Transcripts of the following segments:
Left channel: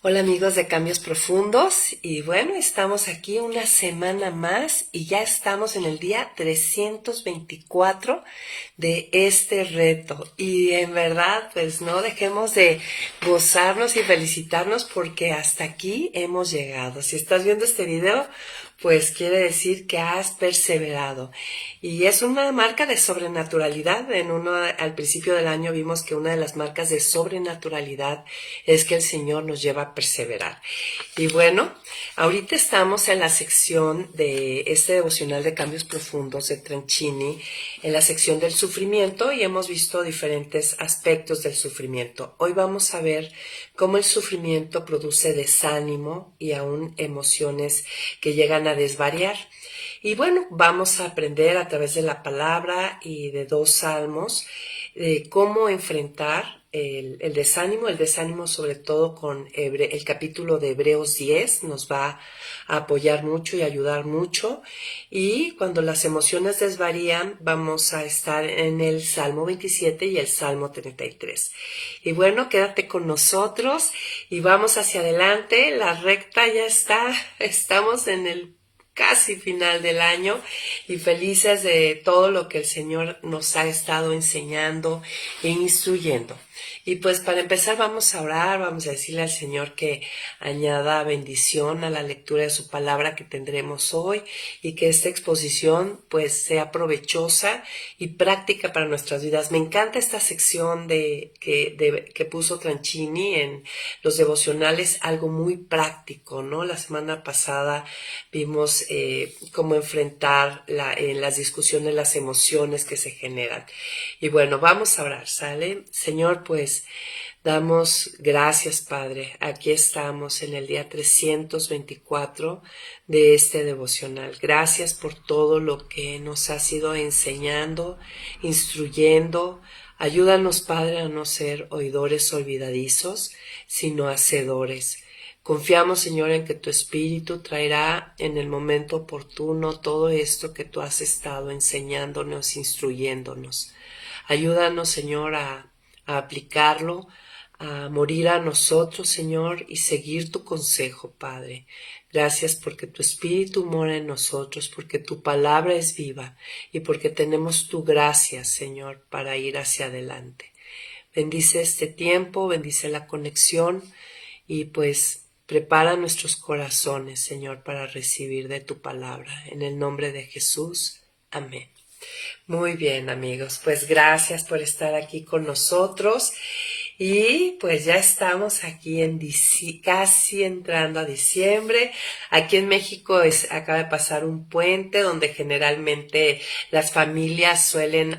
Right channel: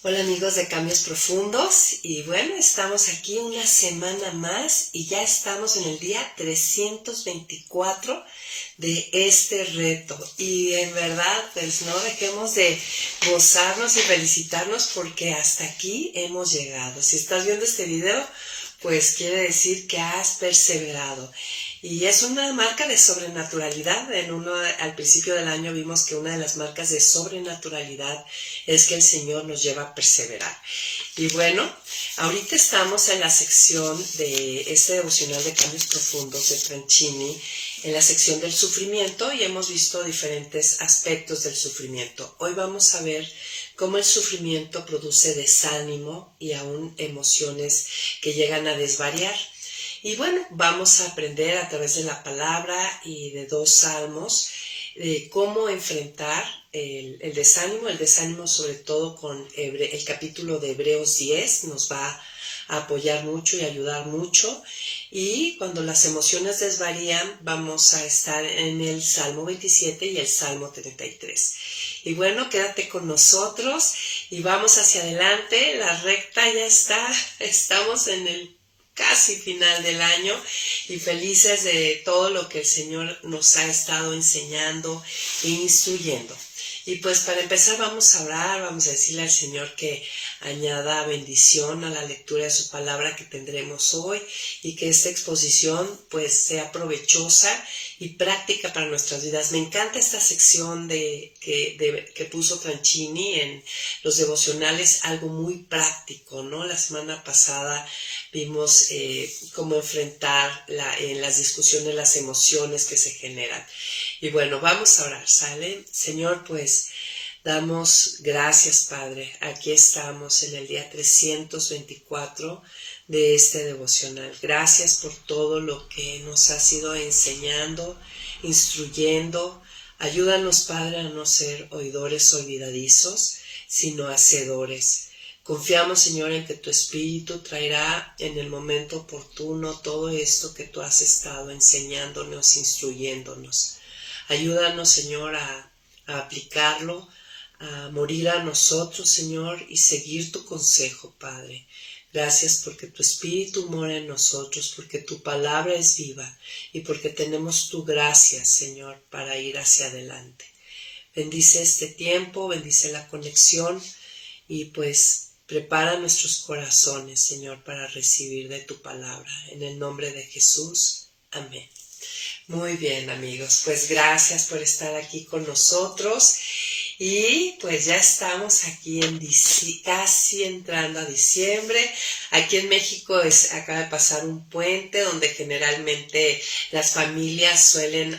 Hola amigos de Cambios Profundos y bueno, estamos aquí una semana más y ya estamos en el día 324 de este reto y en verdad pues no dejemos de gozarnos y felicitarnos porque hasta aquí hemos llegado. Si estás viendo este video pues quiere decir que has perseverado. Y es una marca de sobrenaturalidad. Al principio del año vimos que una de las marcas de sobrenaturalidad es que el Señor nos lleva a perseverar. Y bueno, ahorita estamos en la sección de este devocional de Cambios Profundos de Tranchini, en la sección del sufrimiento, y hemos visto diferentes aspectos del sufrimiento. Hoy vamos a ver cómo el sufrimiento produce desánimo y aún emociones que llegan a desvariar. Y bueno, vamos a aprender a través de la palabra y de 2 salmos cómo enfrentar el desánimo sobre todo con el capítulo de Hebreos 10 nos va a apoyar mucho y ayudar mucho. Y cuando las emociones desvarían, vamos a estar en el Salmo 27 y el Salmo 33. Y bueno, quédate con nosotros y vamos hacia adelante. La recta ya está, estamos en el casi final del año y felices de todo lo que el Señor nos ha estado enseñando e instruyendo. Y pues para empezar vamos a orar, vamos a decirle al Señor que añada bendición a la lectura de su palabra que tendremos hoy y que esta exposición pues sea provechosa y práctica para nuestras vidas. Me encanta esta sección que puso Tranchini en los devocionales, algo muy práctico, ¿no? La semana pasada vimos cómo enfrentar en las discusiones las emociones que se generan. Y bueno, vamos a orar, ¿sale? Señor, pues damos gracias, Padre. Aquí estamos en el día 324 de este devocional. Gracias por todo lo que nos has ido enseñando, instruyendo. Ayúdanos, Padre, a no ser oidores olvidadizos, sino hacedores. Confiamos, Señor, en que tu Espíritu traerá en el momento oportuno todo esto que tú has estado enseñándonos, instruyéndonos. Ayúdanos, Señor, a aplicarlo, a morir a nosotros, Señor, y seguir tu consejo, Padre. Gracias porque tu Espíritu mora en nosotros, porque tu palabra es viva y porque tenemos tu gracia, Señor, para ir hacia adelante. Bendice este tiempo, bendice la conexión y pues prepara nuestros corazones, Señor, para recibir de tu palabra. En el nombre de Jesús. Amén. Muy bien, amigos, pues gracias por estar aquí con nosotros y pues ya estamos aquí casi entrando a diciembre. Aquí en México acaba de pasar un puente donde generalmente las familias suelen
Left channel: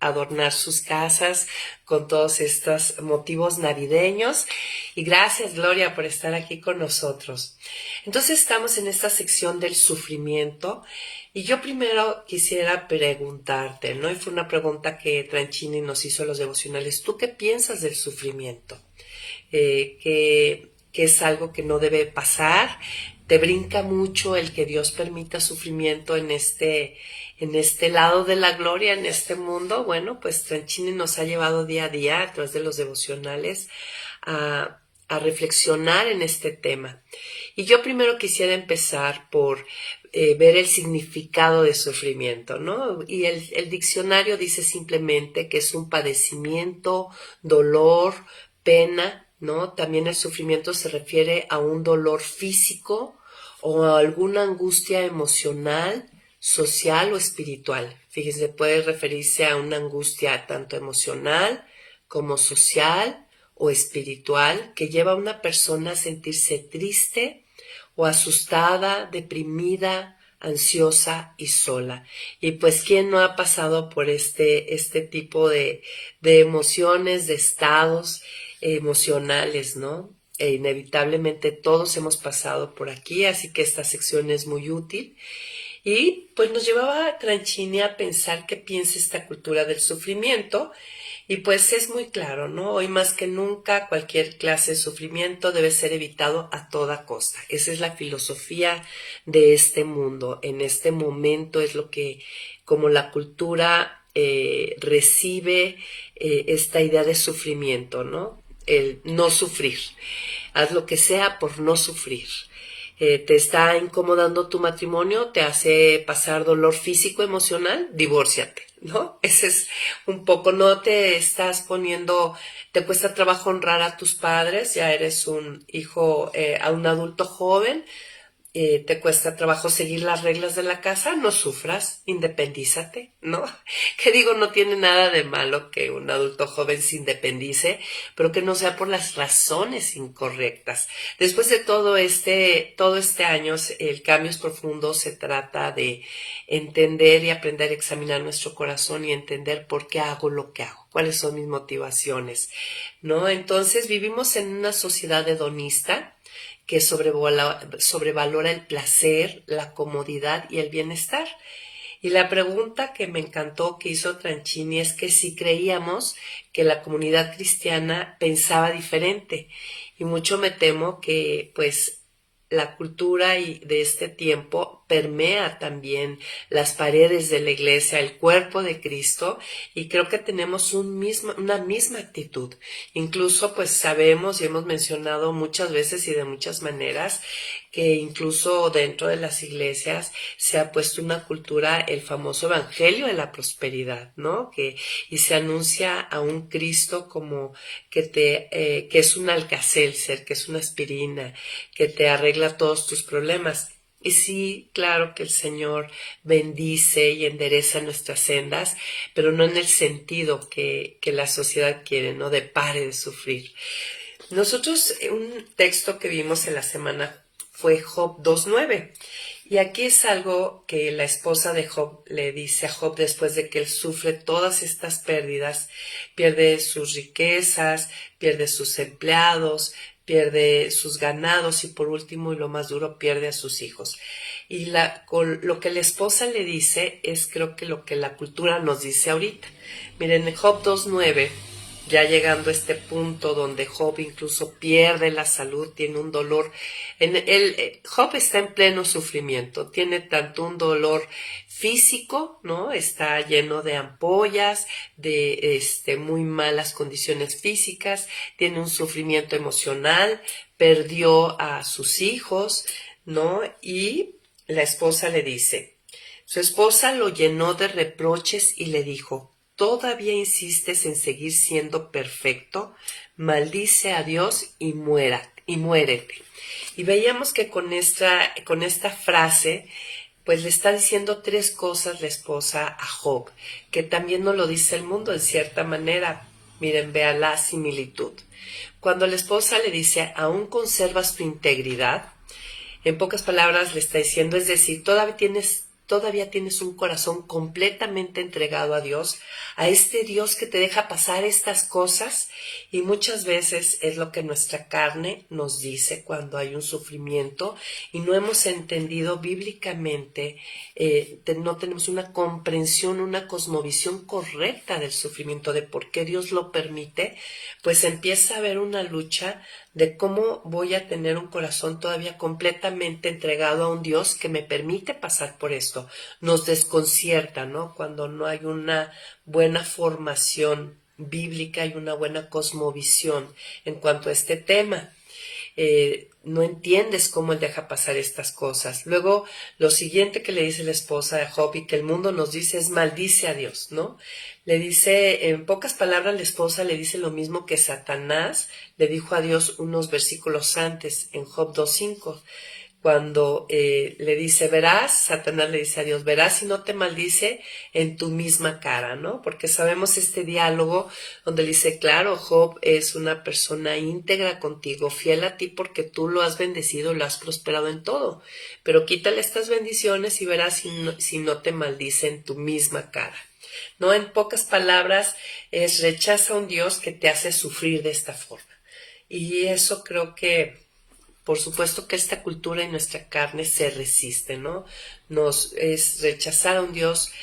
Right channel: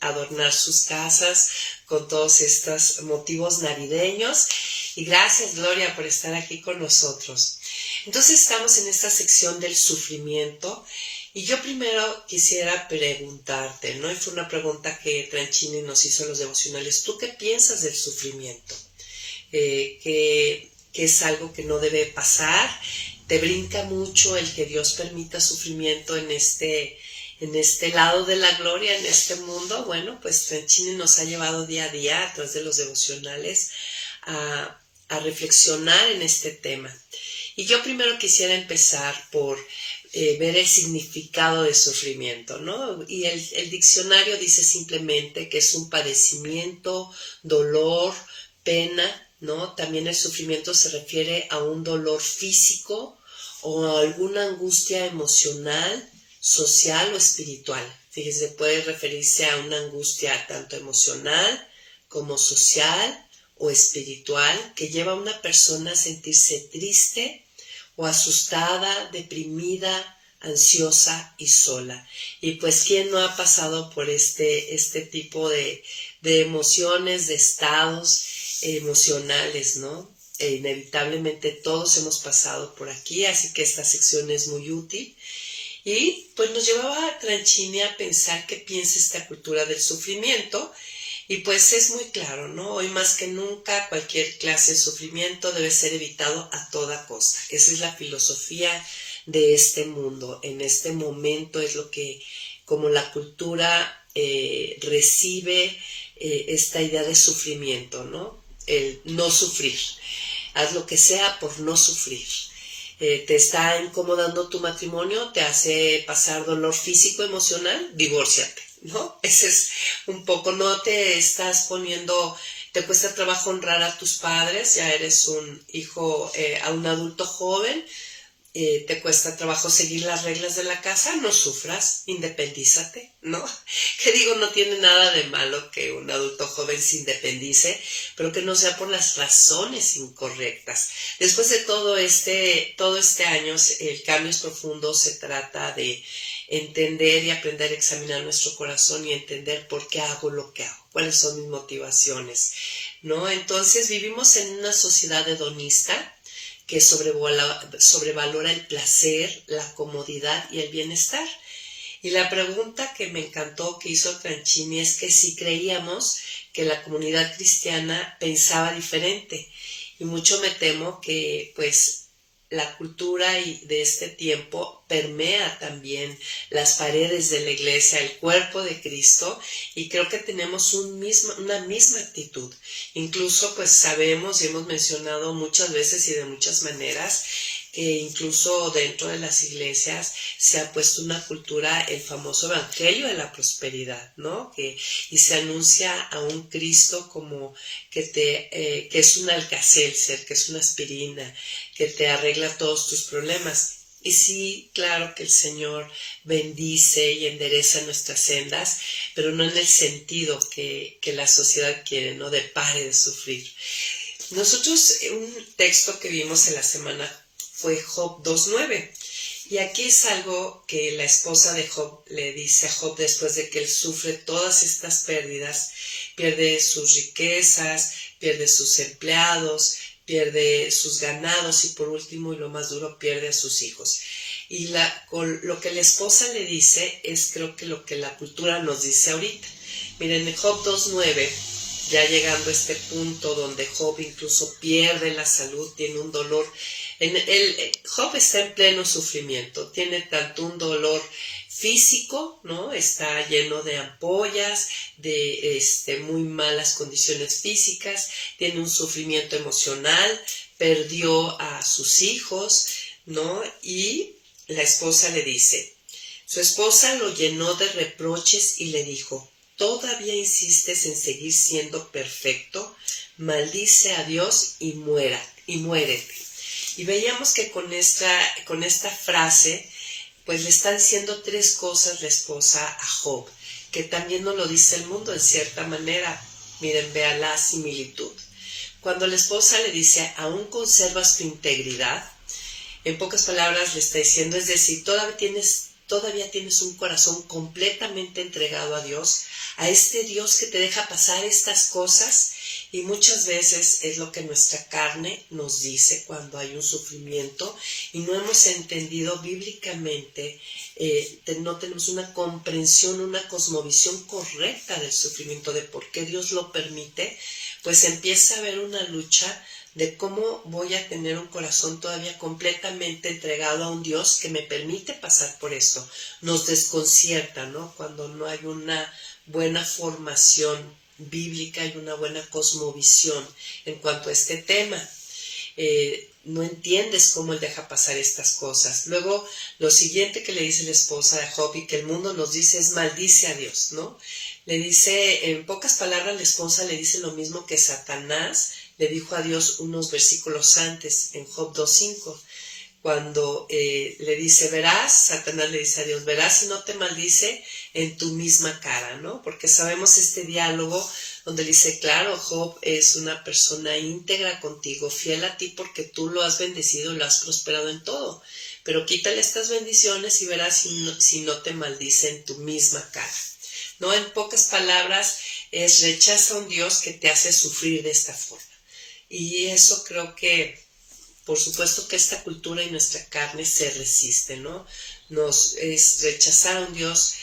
adornar sus casas con todos estos motivos navideños. Y gracias, Gloria, por estar aquí con nosotros. Entonces estamos en esta sección del sufrimiento. Y yo primero quisiera preguntarte, ¿no? Y fue una pregunta que Tranchini nos hizo a los devocionales. ¿Tú qué piensas del sufrimiento? Que es algo que no debe pasar. ¿Te brinca mucho el que Dios permita sufrimiento en este lado de la gloria, en este mundo? Bueno, pues Tranchini nos ha llevado día a día a través de los devocionales a reflexionar en este tema. Y yo primero quisiera empezar por ver el significado de sufrimiento, ¿no? Y el diccionario dice simplemente que es un padecimiento, dolor, pena, ¿no? También el sufrimiento se refiere a un dolor físico o a alguna angustia emocional, social o espiritual. Fíjese, puede referirse a una angustia tanto emocional como social o espiritual que lleva a una persona a sentirse triste o asustada, deprimida, ansiosa y sola. Y pues, ¿quién no ha pasado por este tipo de emociones, de estados emocionales, ¿no? Inevitablemente todos hemos pasado por aquí, así que esta sección es muy útil. Y pues nos llevaba a Tranchini a pensar qué piensa esta cultura del sufrimiento. Y pues es muy claro, ¿no? Hoy más que nunca cualquier clase de sufrimiento debe ser evitado a toda costa. Esa es la filosofía de este mundo. En este momento es lo que, como la cultura recibe esta idea de sufrimiento, ¿no? El no sufrir. haz lo que sea por no sufrir. Te está incomodando tu matrimonio, te hace pasar dolor físico, emocional, divórciate, ¿no? Ese es un poco, no te estás poniendo, te cuesta trabajo honrar a tus padres, ya eres un hijo, a un adulto joven, te cuesta trabajo seguir las reglas de la casa, no sufras, independízate, ¿no? Que digo, no tiene nada de malo que un adulto joven se independice, pero que no sea por las razones incorrectas. Después de todo este año, el Cambios Profundos se trata de entender y aprender a examinar nuestro corazón y entender por qué hago lo que hago, cuáles son mis motivaciones, ¿no? Entonces vivimos en una sociedad hedonista que sobrevalora el placer, la comodidad y el bienestar. Y la pregunta que me encantó que hizo Tranchini es que si creíamos que la comunidad cristiana pensaba diferente. Y mucho me temo que pues la cultura de este tiempo permea también las paredes de la iglesia, el cuerpo de Cristo, y creo que tenemos una misma actitud. Incluso pues sabemos y hemos mencionado muchas veces y de muchas maneras que incluso dentro de las iglesias se ha puesto una cultura, el famoso evangelio de la prosperidad, ¿no? Y se anuncia a un Cristo como que es un Alka-Seltzer, que es una aspirina, que te arregla todos tus problemas. Y sí, claro que el Señor bendice y endereza nuestras sendas, pero no en el sentido que la sociedad quiere, ¿no? De pare de sufrir. Nosotros, un texto que vimos en la semana fue Job 2:9. Y aquí es algo que la esposa de Job le dice a Job después de que él sufre todas estas pérdidas, pierde sus riquezas, pierde sus empleados, pierde sus ganados y por último y lo más duro, pierde a sus hijos. Y lo que la esposa le dice es creo que lo que la cultura nos dice ahorita. Miren, en Job 2:9, ya llegando a este punto donde Job incluso pierde la salud, tiene un dolor. Job está en pleno sufrimiento, tiene tanto un dolor físico, ¿no? Está lleno de ampollas, de muy malas condiciones físicas, tiene un sufrimiento emocional, perdió a sus hijos, ¿no? Y la esposa le dice, su esposa lo llenó de reproches y le dijo, ¿todavía insistes en seguir siendo perfecto? Maldice a Dios y muérete. Y veíamos que con esta frase, pues le está diciendo tres cosas la esposa a Job, que también nos lo dice el mundo en cierta manera. Miren, vean la similitud. Cuando la esposa le dice, ¿aún conservas tu integridad? En pocas palabras le está diciendo, es decir, todavía tienes un corazón completamente entregado a Dios, a este Dios que te deja pasar estas cosas. Y muchas veces es lo que nuestra carne nos dice cuando hay un sufrimiento y no hemos entendido bíblicamente, no tenemos una comprensión, una cosmovisión correcta del sufrimiento, de por qué Dios lo permite, pues empieza a haber una lucha de cómo voy a tener un corazón todavía completamente entregado a un Dios que me permite pasar por esto. Nos desconcierta, ¿no? Cuando no hay una buena formación bíblica y una buena cosmovisión en cuanto a este tema. No entiendes cómo él deja pasar estas cosas. Luego, lo siguiente que le dice la esposa de Job y que el mundo nos dice es maldice a Dios, ¿no? Le dice, en pocas palabras, la esposa le dice lo mismo que Satanás le dijo a Dios unos versículos antes, en Job 2:5, cuando le dice, verás, Satanás le dice a Dios, verás si no te maldice en tu misma cara, ¿no? Porque sabemos este diálogo donde le dice, claro, Job es una persona íntegra contigo, fiel a ti porque tú lo has bendecido, lo has prosperado en todo, pero quítale estas bendiciones y verás si no te maldice en tu misma cara, ¿no? En pocas palabras, rechaza a un Dios que te hace sufrir de esta forma. Y eso creo que, por supuesto que esta cultura y nuestra carne se resiste, ¿no? Es rechazar a un Dios,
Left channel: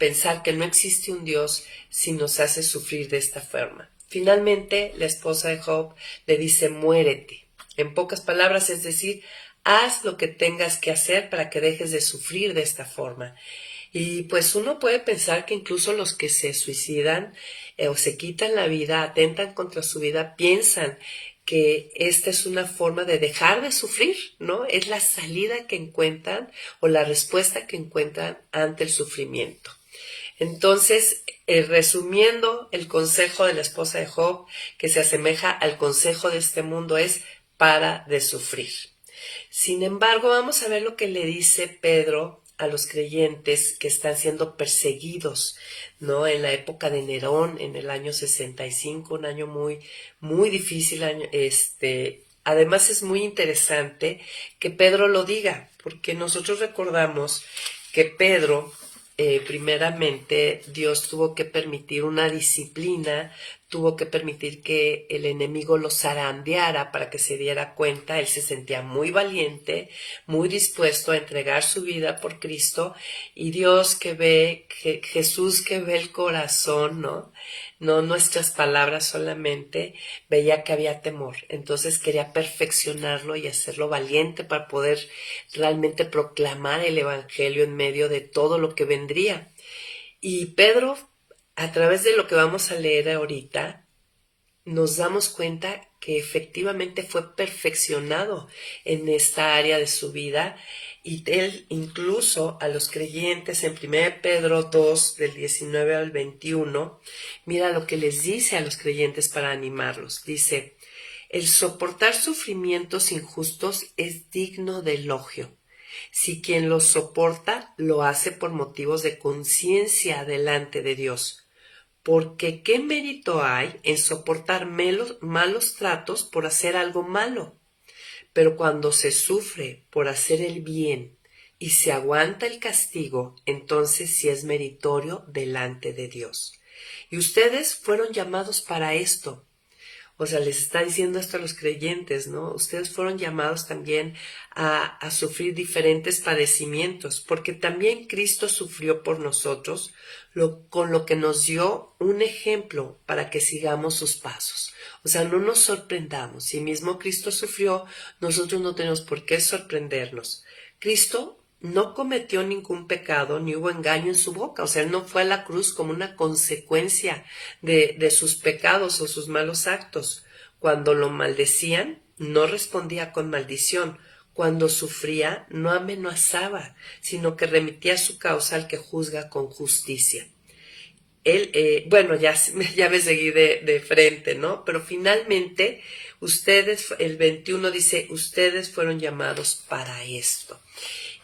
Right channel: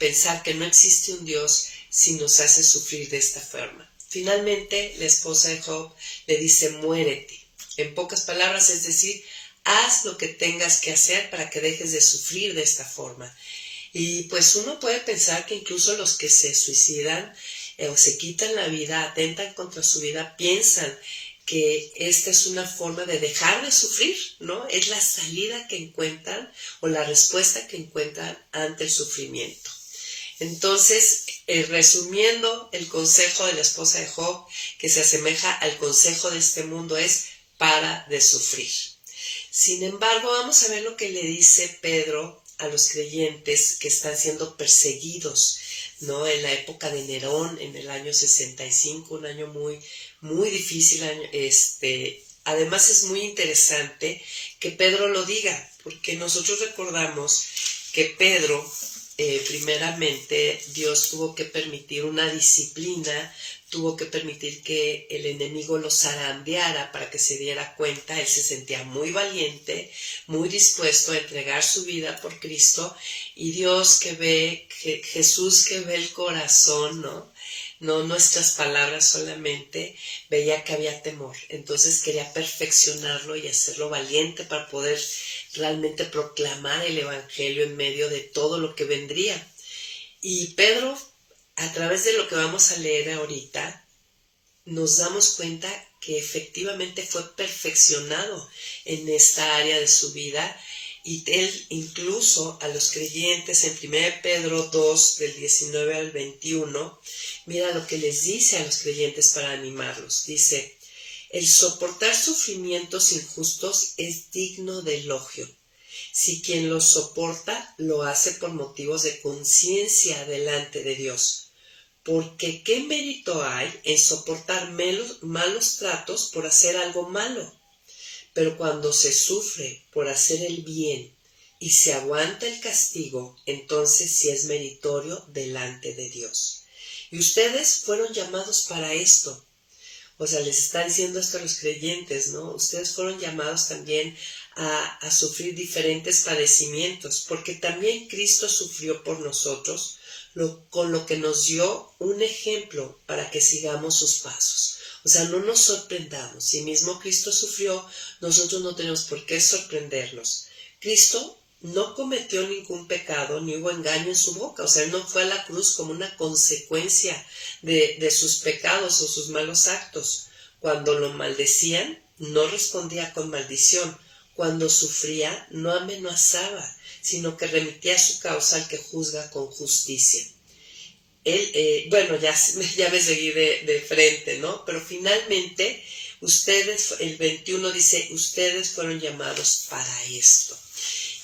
pensar que no existe un Dios si nos hace sufrir de esta forma. Finalmente, la esposa de Job le dice, muérete. En pocas palabras, es decir, haz lo que tengas que hacer para que dejes de sufrir de esta forma. Y pues uno puede pensar que incluso los que se suicidan o se quitan la vida, atentan contra su vida, piensan que esta es una forma de dejar de sufrir, ¿no? Es la salida que encuentran o la respuesta que encuentran ante el sufrimiento. Entonces, resumiendo, el consejo de la esposa de Job, que se asemeja al consejo de este mundo, es para de sufrir. Sin embargo, vamos a ver lo que le dice Pedro a los creyentes que están siendo perseguidos, ¿no? En la época de Nerón, en el año 65, un año muy difícil. Además es muy interesante que Pedro lo diga, porque nosotros recordamos que Pedro, primeramente, Dios tuvo que permitir una disciplina, tuvo que permitir que el enemigo lo zarandeara para que se diera cuenta. Él se sentía muy valiente, muy dispuesto a entregar su vida por Cristo, y Dios que ve, Jesús que ve el corazón, ¿no? No nuestras palabras solamente, veía que había temor. Entonces quería perfeccionarlo y hacerlo valiente para poder realmente proclamar el evangelio en medio de todo lo que vendría. Y Pedro, a través de lo que vamos a leer ahorita, nos damos cuenta que efectivamente fue perfeccionado en esta área de su vida, y él incluso a los creyentes en 1 Pedro 2 del 19 al 21, mira lo que les dice a los creyentes para animarlos. Dice: el soportar sufrimientos injustos es digno de elogio, si quien los soporta lo hace por motivos de conciencia delante de Dios. Porque ¿qué mérito hay en soportar malos tratos por hacer algo malo? Pero cuando se sufre por hacer el bien y se aguanta el castigo, entonces sí es meritorio delante de Dios. Y ustedes fueron llamados para esto. O sea, les está diciendo esto a los creyentes, ¿no? Ustedes fueron llamados también a sufrir diferentes padecimientos, porque también Cristo sufrió por nosotros, con lo que nos dio un ejemplo para que sigamos sus pasos. O sea, no nos sorprendamos. Si mismo Cristo sufrió, nosotros no tenemos por qué sorprendernos. Cristo no cometió ningún pecado, ni hubo engaño en su boca. O sea, él no fue a la cruz como una consecuencia de sus pecados o sus malos actos. Cuando lo maldecían, no respondía con maldición. Cuando sufría, no amenazaba, sino que remitía su causa al que juzga con justicia. Él, bueno, ya me seguí de frente, ¿no? Pero finalmente, ustedes, el 21 dice, ustedes fueron llamados para esto.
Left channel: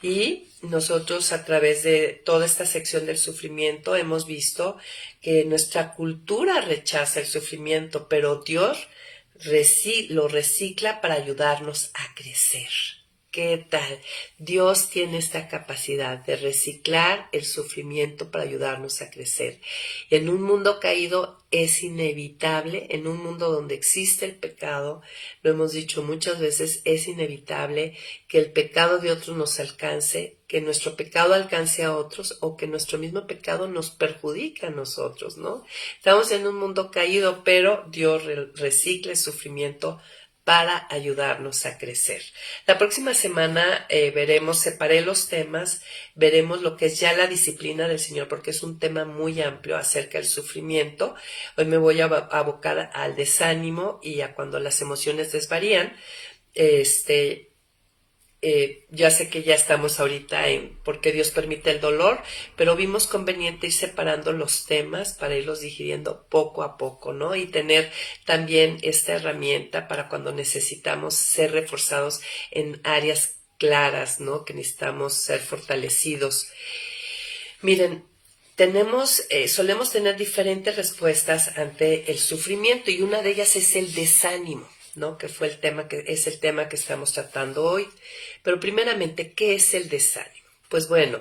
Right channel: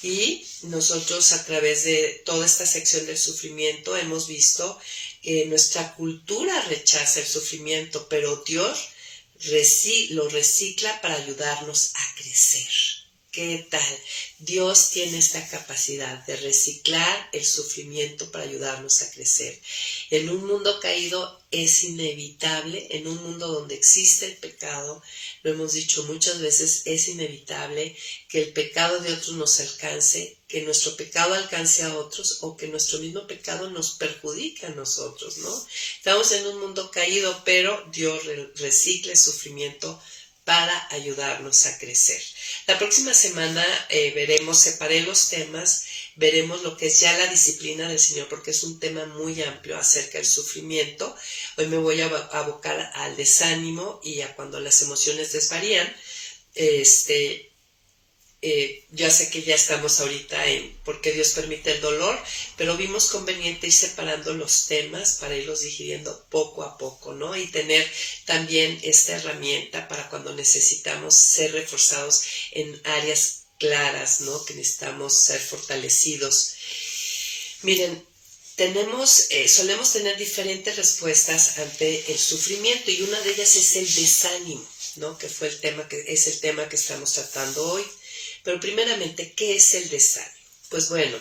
Y nosotros, a través de toda esta sección del sufrimiento, hemos visto que nuestra cultura rechaza el sufrimiento, pero Dios lo recicla para ayudarnos a crecer. ¿Qué tal? Dios tiene esta capacidad de reciclar el sufrimiento para ayudarnos a crecer. En un mundo caído es inevitable, en un mundo donde existe el pecado, lo hemos dicho muchas veces, es inevitable que el pecado de otros nos alcance, que nuestro pecado alcance a otros o que nuestro mismo pecado nos perjudique a nosotros, ¿no? Estamos en un mundo caído, pero Dios recicla el sufrimiento para ayudarnos a crecer. La próxima semana separé los temas, veremos lo que es ya la disciplina del Señor, porque es un tema muy amplio acerca del sufrimiento. Hoy me voy a abocar al desánimo y a cuando las emociones desvarían. Ya sé que ya estamos ahorita en por qué Dios permite el dolor, pero vimos conveniente ir separando los temas para irlos digiriendo poco a poco, ¿no? Y tener también esta herramienta para cuando necesitamos ser reforzados en áreas claras, ¿no? Que necesitamos ser fortalecidos. Miren, solemos tener diferentes respuestas ante el sufrimiento, y una de ellas es el desánimo, ¿no? Que es el tema que estamos tratando hoy. Pero primeramente, ¿qué es el desánimo? Pues bueno,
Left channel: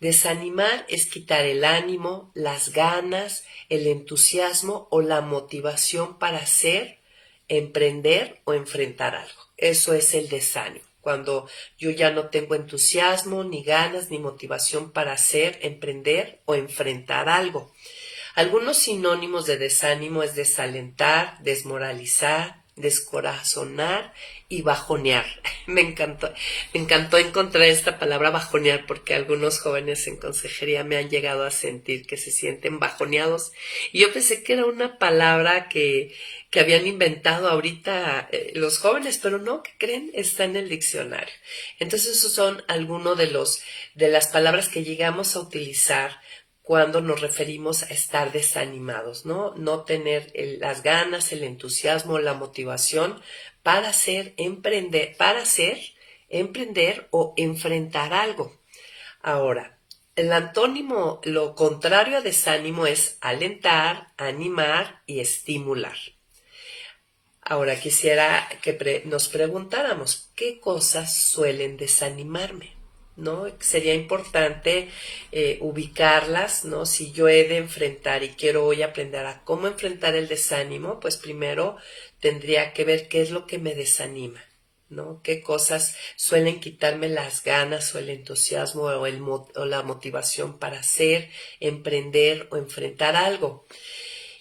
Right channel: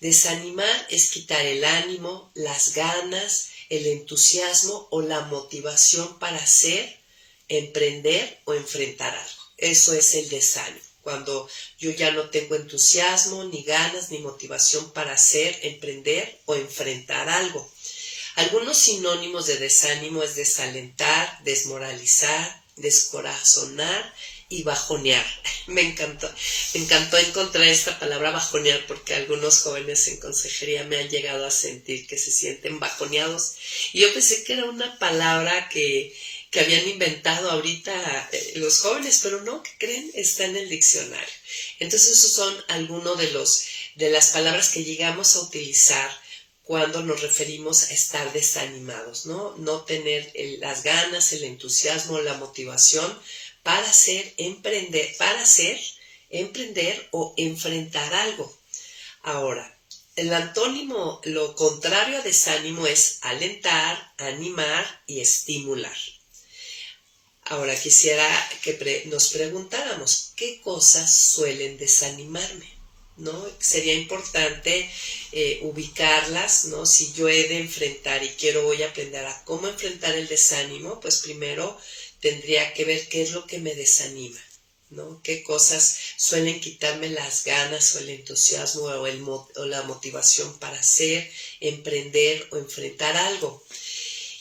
desanimar es quitar el ánimo, las ganas, el entusiasmo o la motivación para hacer, emprender o enfrentar algo. Eso es el desánimo. Cuando yo ya no tengo entusiasmo, ni ganas, ni motivación para hacer, emprender o enfrentar algo. Algunos sinónimos de desánimo es desalentar, desmoralizar, descorazonar y bajonear. Me encantó encontrar esta palabra bajonear, porque algunos jóvenes en consejería me han llegado a sentir que se sienten bajoneados. Y yo pensé que era una palabra que que habían inventado ahorita los jóvenes, pero no, ¿qué creen? Está en el diccionario. Entonces esos son algunos de las palabras que llegamos a utilizar cuando nos referimos a estar desanimados, ¿no? No tener las ganas, el entusiasmo, la motivación para emprender o enfrentar algo. Ahora, el antónimo, lo contrario a desánimo es alentar, animar y estimular. Ahora quisiera que nos preguntáramos, ¿qué cosas suelen desanimarme? ¿No? Sería importante ubicarlas, ¿no? Si yo he de enfrentar y quiero hoy aprender a cómo enfrentar el desánimo, pues primero tendría que ver qué es lo que me desanima, ¿no? ¿Qué cosas suelen quitarme las ganas o el entusiasmo o la motivación para hacer, emprender o enfrentar algo?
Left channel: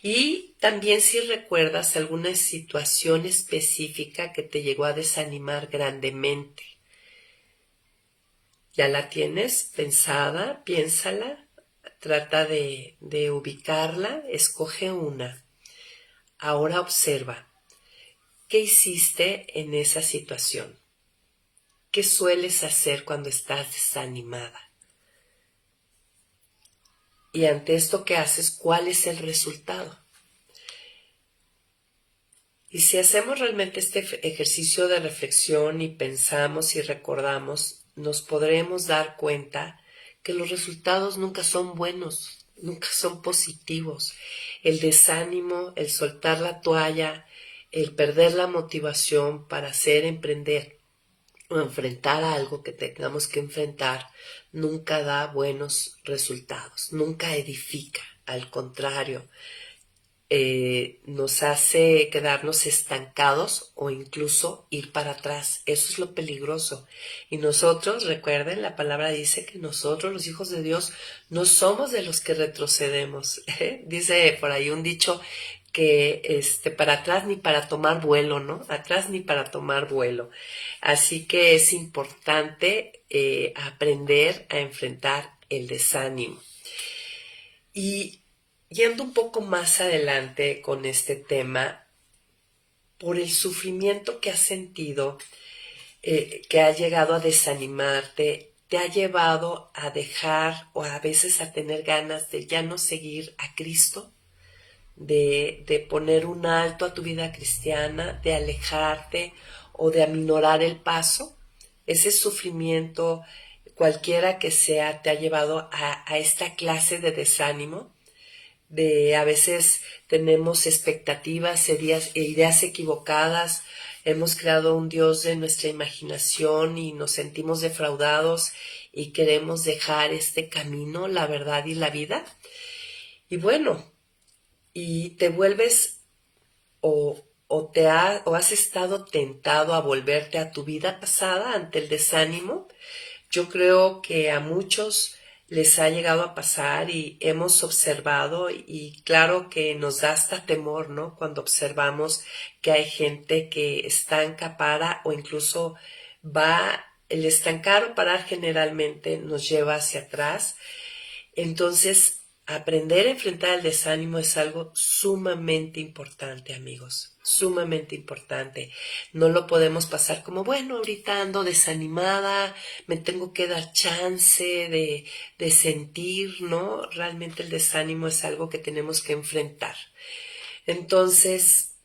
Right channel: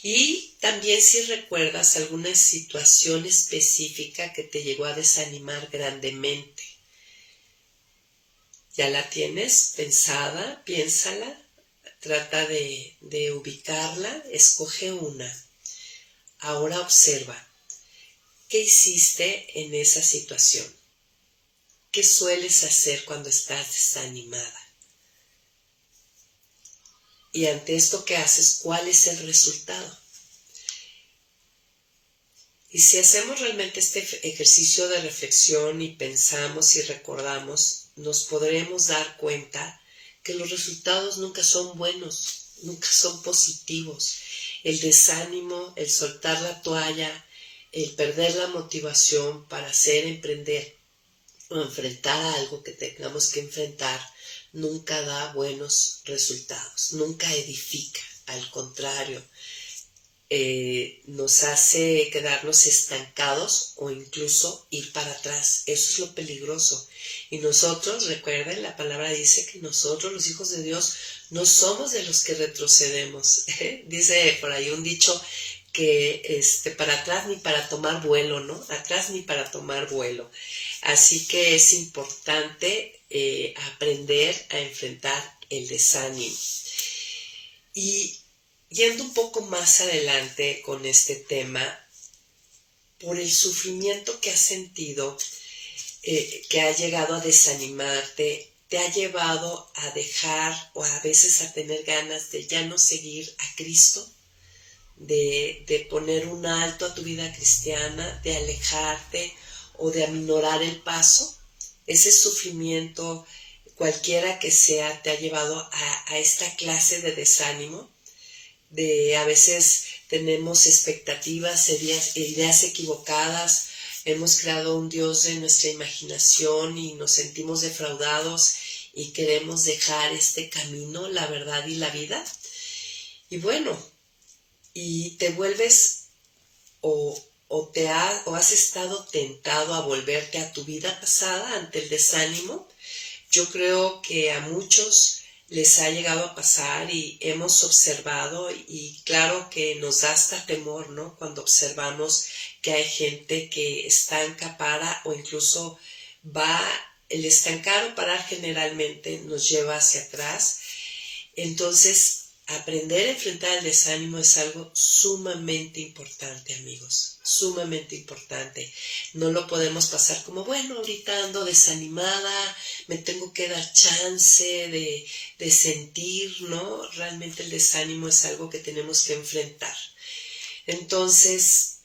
Y también si recuerdas alguna situación específica que te llegó a desanimar grandemente. ¿Ya la tienes pensada? Piénsala. Trata de ubicarla. Escoge una. Ahora observa. ¿Qué hiciste en esa situación? ¿Qué sueles hacer cuando estás desanimada? Y ante esto que haces, ¿cuál es el resultado? Y si hacemos realmente este ejercicio de reflexión y pensamos y recordamos, nos podremos dar cuenta que los resultados nunca son buenos, nunca son positivos. El desánimo, el soltar la toalla, el perder la motivación para hacer, emprender o enfrentar algo que tengamos que enfrentar, nunca da buenos resultados, nunca edifica, al contrario. Nos hace quedarnos estancados o incluso ir para atrás. Eso es lo peligroso. Y nosotros, recuerden, la palabra dice que nosotros, los hijos de Dios, no somos de los que retrocedemos. Dice por ahí un dicho que para atrás ni para tomar vuelo, ¿no? Atrás ni para tomar vuelo. Así que es importante aprender a enfrentar el desánimo. Y yendo un poco más adelante con este tema, por el sufrimiento que has sentido, que ha llegado a desanimarte, te ha llevado a dejar o a veces a tener ganas de ya no seguir a Cristo, de poner un alto a tu vida cristiana, de alejarte o de aminorar el paso. Ese sufrimiento, cualquiera que sea, te ha llevado a esta clase de desánimo. A veces tenemos expectativas, ideas equivocadas, hemos creado un Dios de nuestra imaginación y nos sentimos defraudados y queremos dejar este camino, la verdad y la vida. Y bueno, y te vuelves o has estado tentado a volverte a tu vida pasada ante el desánimo. Yo creo que a muchos les ha llegado a pasar y hemos observado y claro que nos da hasta temor, ¿no? Cuando observamos que hay gente que estanca, para o incluso el estancar o parar generalmente nos lleva hacia atrás. Entonces, aprender a enfrentar el desánimo es algo sumamente importante, amigos, sumamente importante. No lo podemos pasar como, bueno, ahorita ando desanimada, me tengo que dar chance de sentir, ¿no? Realmente el desánimo es algo que tenemos que enfrentar. Entonces,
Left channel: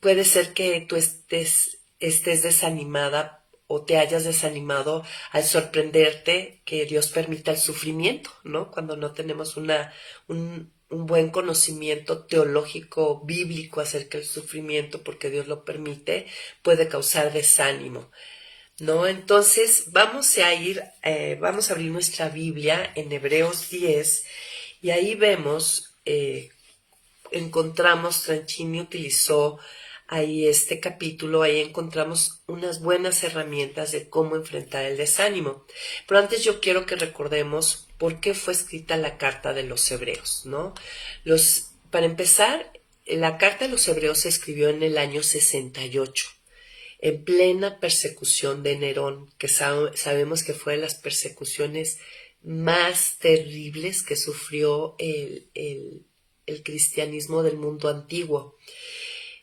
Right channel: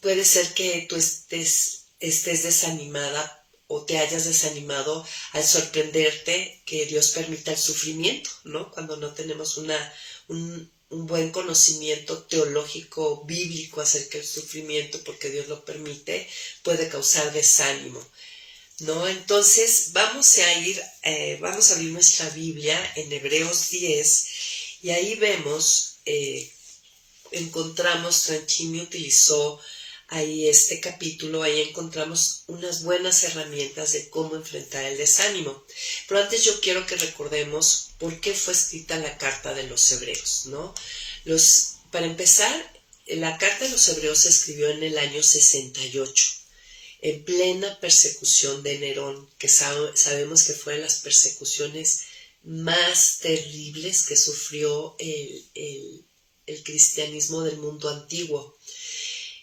puede ser que tú estés desanimada o te hayas desanimado al sorprenderte que Dios permita el sufrimiento, ¿no? Cuando no tenemos un buen conocimiento teológico, bíblico acerca del sufrimiento, porque Dios lo permite, puede causar desánimo, ¿no? Entonces vamos a abrir nuestra Biblia en Hebreos 10 y ahí vemos, Tranchini utilizó ahí este capítulo, ahí encontramos unas buenas herramientas de cómo enfrentar el desánimo. Pero antes yo quiero que recordemos por qué fue escrita la carta de los Hebreos, ¿no? Para empezar, la carta de los Hebreos se escribió en el año 68, en plena persecución de Nerón, que sabemos que fue de las persecuciones más terribles que sufrió el el cristianismo del mundo antiguo.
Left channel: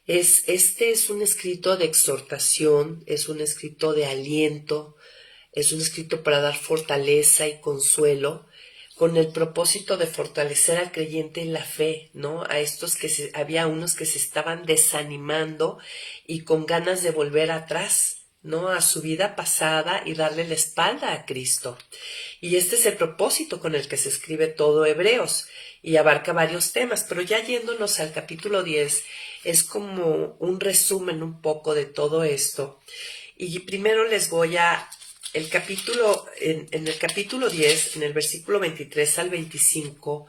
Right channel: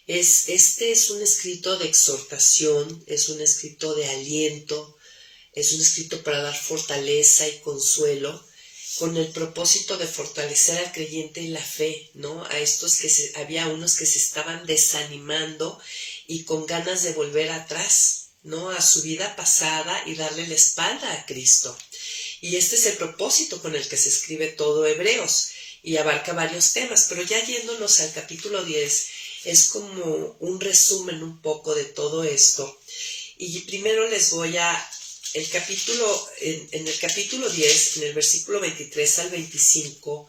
Este es un escrito de exhortación, es un escrito de aliento, es un escrito para dar fortaleza y consuelo, con el propósito de fortalecer al creyente en la fe, ¿no? A estos había unos que se estaban desanimando y con ganas de volver atrás, ¿no? A su vida pasada y darle la espalda a Cristo. Y este es el propósito con el que se escribe todo Hebreos y abarca varios temas, pero ya yéndonos al capítulo 10, es como un resumen un poco de todo esto. Y primero les voy a en el capítulo 10, en el versículo 23 al 25,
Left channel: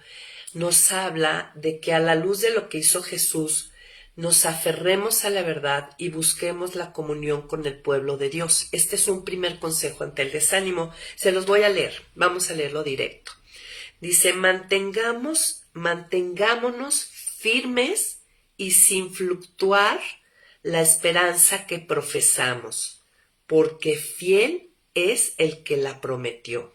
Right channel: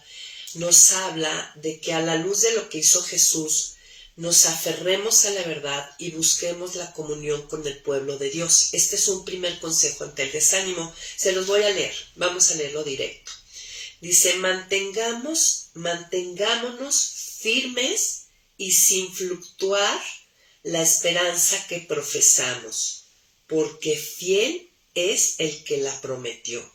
nos habla de que a la luz de lo que hizo Jesús, nos aferremos a la verdad y busquemos la comunión con el pueblo de Dios. Este es un primer consejo ante el desánimo. Se los voy a leer. Vamos a leerlo directo. Dice, mantengámonos firmes y sin fluctuar la esperanza que profesamos, porque fiel es el que la prometió.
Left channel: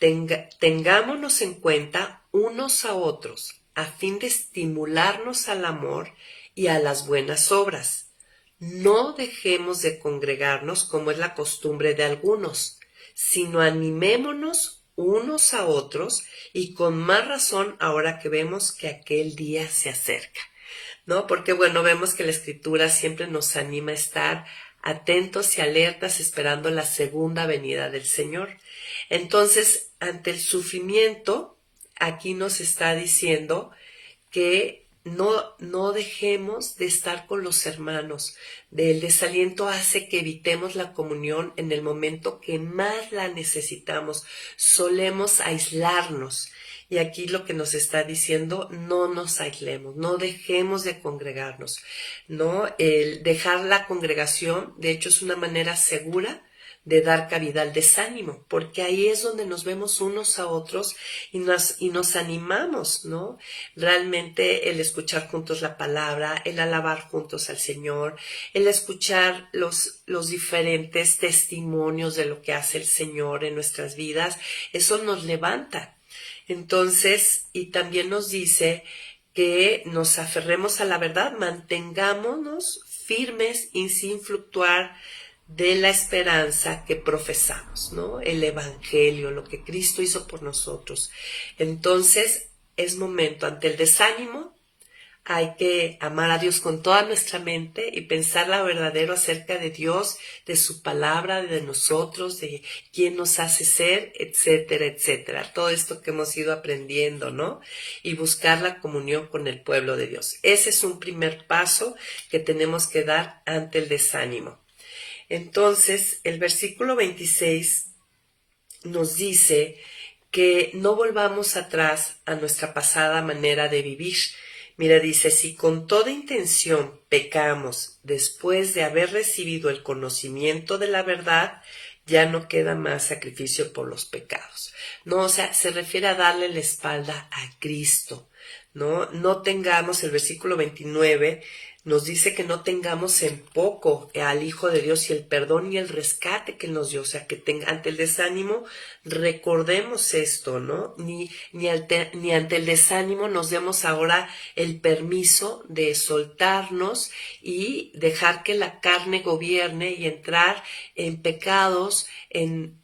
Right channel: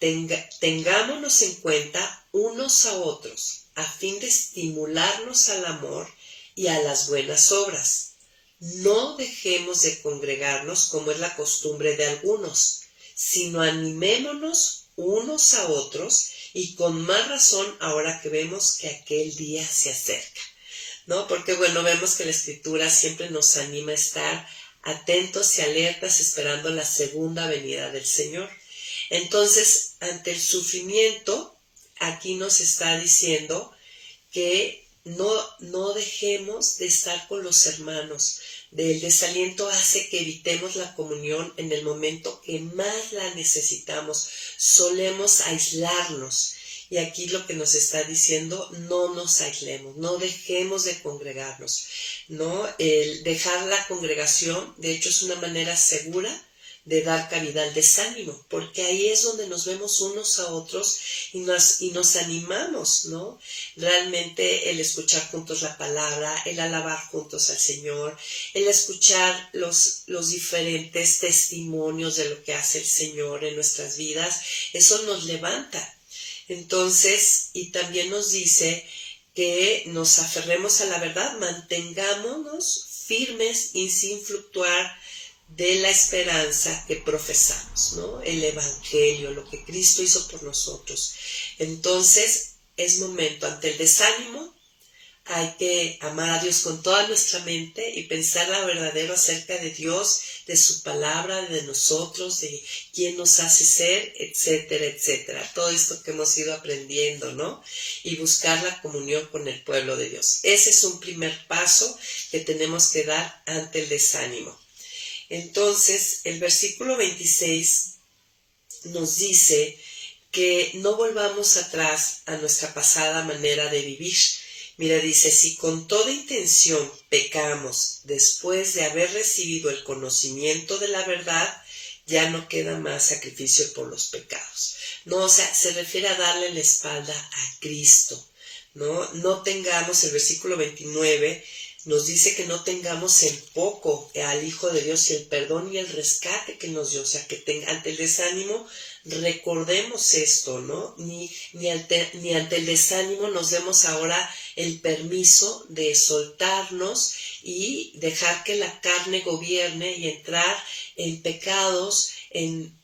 Tengámonos en cuenta unos a otros a fin de estimularnos al amor y a las buenas obras. No dejemos de congregarnos como es la costumbre de algunos, sino animémonos unos a otros y con más razón ahora que vemos que aquel día se acerca, ¿no? Porque bueno, vemos que la Escritura siempre nos anima a estar atentos y alertas esperando la segunda venida del Señor. Entonces, ante el sufrimiento, aquí nos está diciendo que no dejemos de estar con los hermanos. El desaliento hace que evitemos la comunión en el momento que más la necesitamos. Solemos aislarnos. Y aquí lo que nos está diciendo, no nos aislemos, no dejemos de congregarnos, ¿no? El dejar la congregación, de hecho, es una manera segura de dar cabida al desánimo, porque ahí es donde nos vemos unos a otros y nos animamos, ¿no? Realmente el escuchar juntos la palabra, el alabar juntos al Señor, el escuchar los diferentes testimonios de lo que hace el Señor en nuestras vidas, eso nos levanta. Entonces, y también nos dice que nos aferremos a la verdad, mantengámonos firmes y sin fluctuar de la esperanza que profesamos, ¿no? El Evangelio, lo que Cristo hizo por nosotros. Entonces, es momento ante el desánimo. Hay que amar a Dios con toda nuestra mente y pensar lo verdadero acerca de Dios, de su palabra, de nosotros, de quién nos hace ser, etcétera, etcétera. Todo esto que hemos ido aprendiendo, ¿no? Y buscar la comunión con el pueblo de Dios. Ese es un primer paso que tenemos que dar ante el desánimo. Entonces, el versículo 26 nos dice que no volvamos atrás a nuestra pasada manera de vivir. Mira, dice, si con toda intención pecamos después de haber recibido el conocimiento de la verdad, ya no queda más sacrificio por los pecados. No, o sea, se refiere a darle la espalda a Cristo, ¿no? No tengamos, el versículo 29 nos dice que no tengamos en poco al Hijo de Dios y el perdón y el rescate que nos dio, o sea, que ante el desánimo recordemos esto, ¿no? Ni ante el desánimo nos demos ahora el permiso de soltarnos y dejar que la carne gobierne y entrar en pecados, en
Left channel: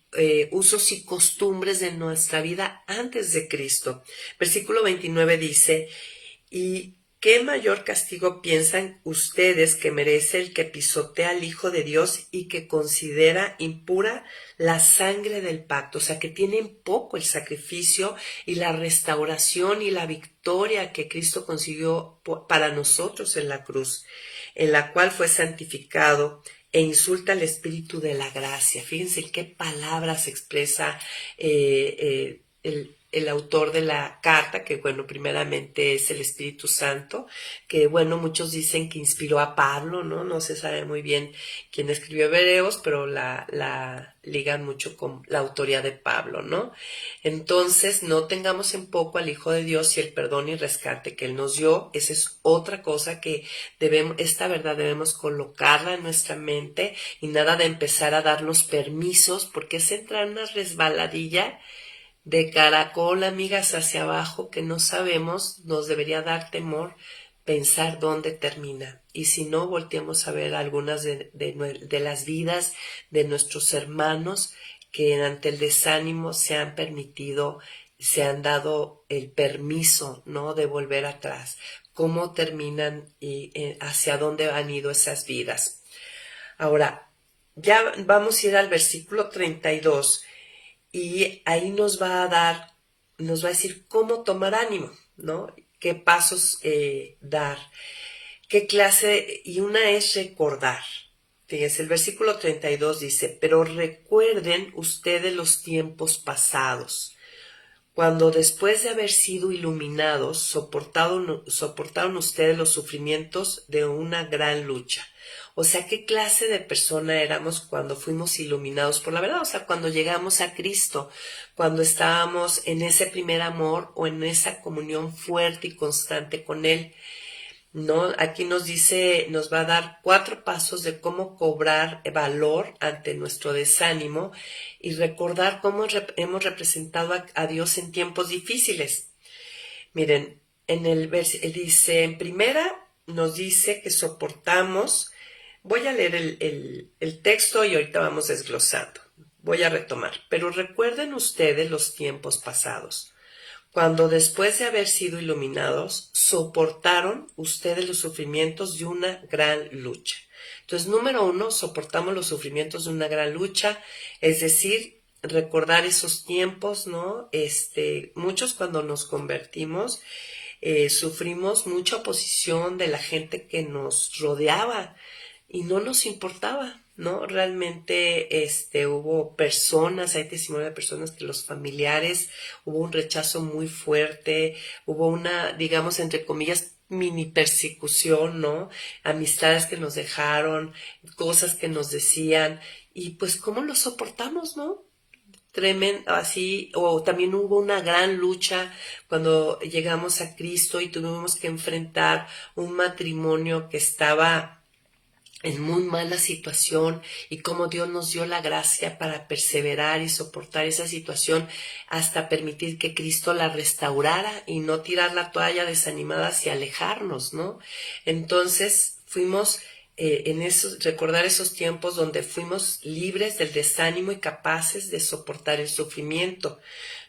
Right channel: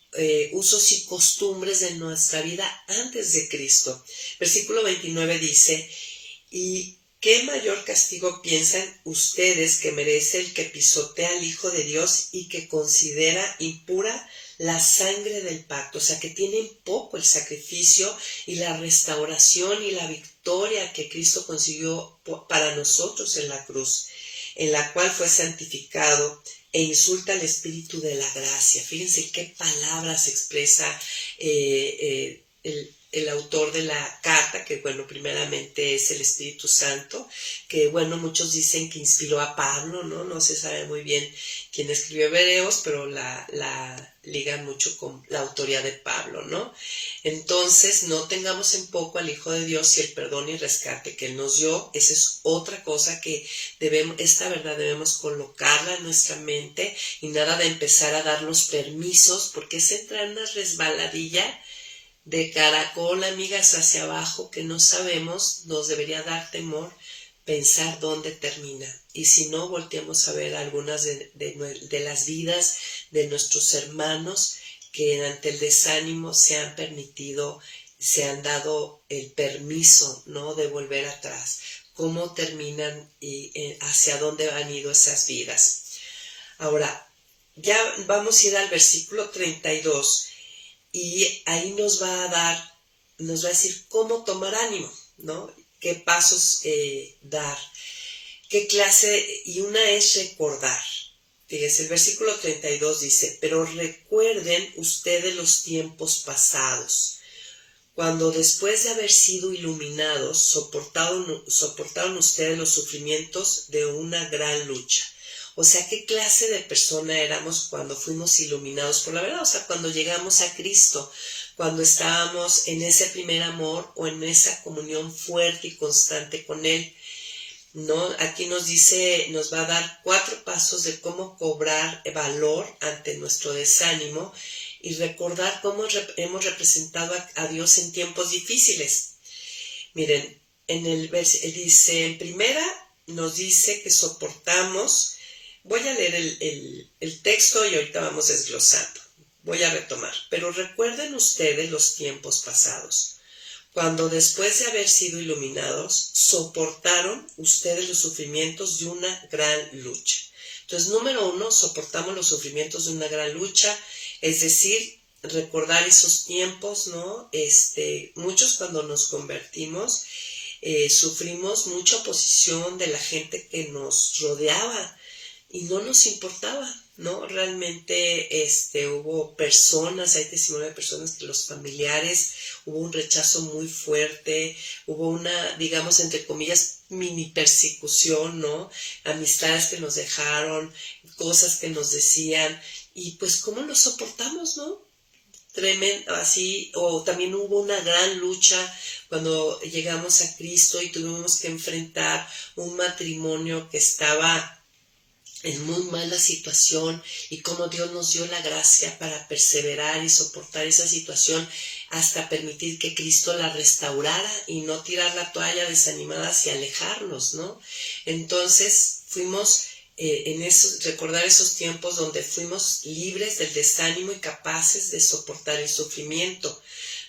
usos y costumbres de nuestra vida antes de Cristo. Versículo 29 dice, ¿y qué mayor castigo piensan ustedes que merece el que pisotea al Hijo de Dios y que considera impura la sangre del pacto? O sea, que tienen poco el sacrificio y la restauración y la victoria que Cristo consiguió para nosotros en la cruz, en la cual fue santificado e insulta al Espíritu de la gracia. Fíjense qué palabras expresa el autor de la carta, que bueno, primeramente es el Espíritu Santo, que bueno, muchos dicen que inspiró a Pablo, ¿no? No se sabe muy bien quién escribió Hebreos, pero la ligan mucho con la autoría de Pablo, ¿no? Entonces, no tengamos en poco al Hijo de Dios y el perdón y rescate que Él nos dio. Esa es otra cosa que esta verdad debemos colocarla en nuestra mente y nada de empezar a darnos permisos, porque es entrar en una resbaladilla de caracol, amigas, hacia abajo, que no sabemos, nos debería dar temor pensar dónde termina. Y si no, volteemos a ver algunas de las vidas de nuestros hermanos que ante el desánimo se han permitido, se han dado el permiso, ¿no?, de volver atrás. Cómo terminan y hacia dónde han ido esas vidas. Ahora, ya vamos a ir al versículo 32 y ahí nos va a decir cómo tomar ánimo, ¿no? Qué pasos dar, qué clase, y una es recordar. Fíjense, el versículo 32 dice, pero recuerden ustedes los tiempos pasados, cuando después de haber sido iluminados, soportaron ustedes los sufrimientos de una gran lucha. O sea, ¿qué clase de persona éramos cuando fuimos iluminados por la verdad? O sea, cuando llegamos a Cristo, cuando estábamos en ese primer amor o en esa comunión fuerte y constante con Él, ¿no? Aquí nos dice, nos va a dar 4 pasos de cómo cobrar valor ante nuestro desánimo y recordar cómo hemos representado a Dios en tiempos difíciles. Miren, dice, en primera nos dice que soportamos. Voy a leer el texto y ahorita vamos desglosando. Voy a retomar. Pero recuerden ustedes los tiempos pasados, cuando después de haber sido iluminados, soportaron ustedes los sufrimientos de una gran lucha. Entonces, número 1, soportamos los sufrimientos de una gran lucha, es decir, recordar esos tiempos, ¿no? Muchos cuando nos convertimos, sufrimos mucha oposición de la gente que nos rodeaba y no nos importaba, ¿no? Realmente hubo personas, hay testimonio de personas que los familiares, hubo un rechazo muy fuerte, hubo una, digamos, entre comillas, mini persecución, ¿no? Amistades que nos dejaron, cosas que nos decían, y pues cómo lo soportamos, ¿no? Tremendo, así, o también hubo una gran lucha cuando llegamos a Cristo y tuvimos que enfrentar un matrimonio que estaba en muy mala situación y cómo Dios nos dio la gracia para perseverar y soportar esa situación hasta permitir que Cristo la restaurara y no tirar la toalla desanimadas y alejarnos, ¿no? Entonces fuimos recordar esos tiempos donde fuimos libres del desánimo y capaces de soportar el sufrimiento.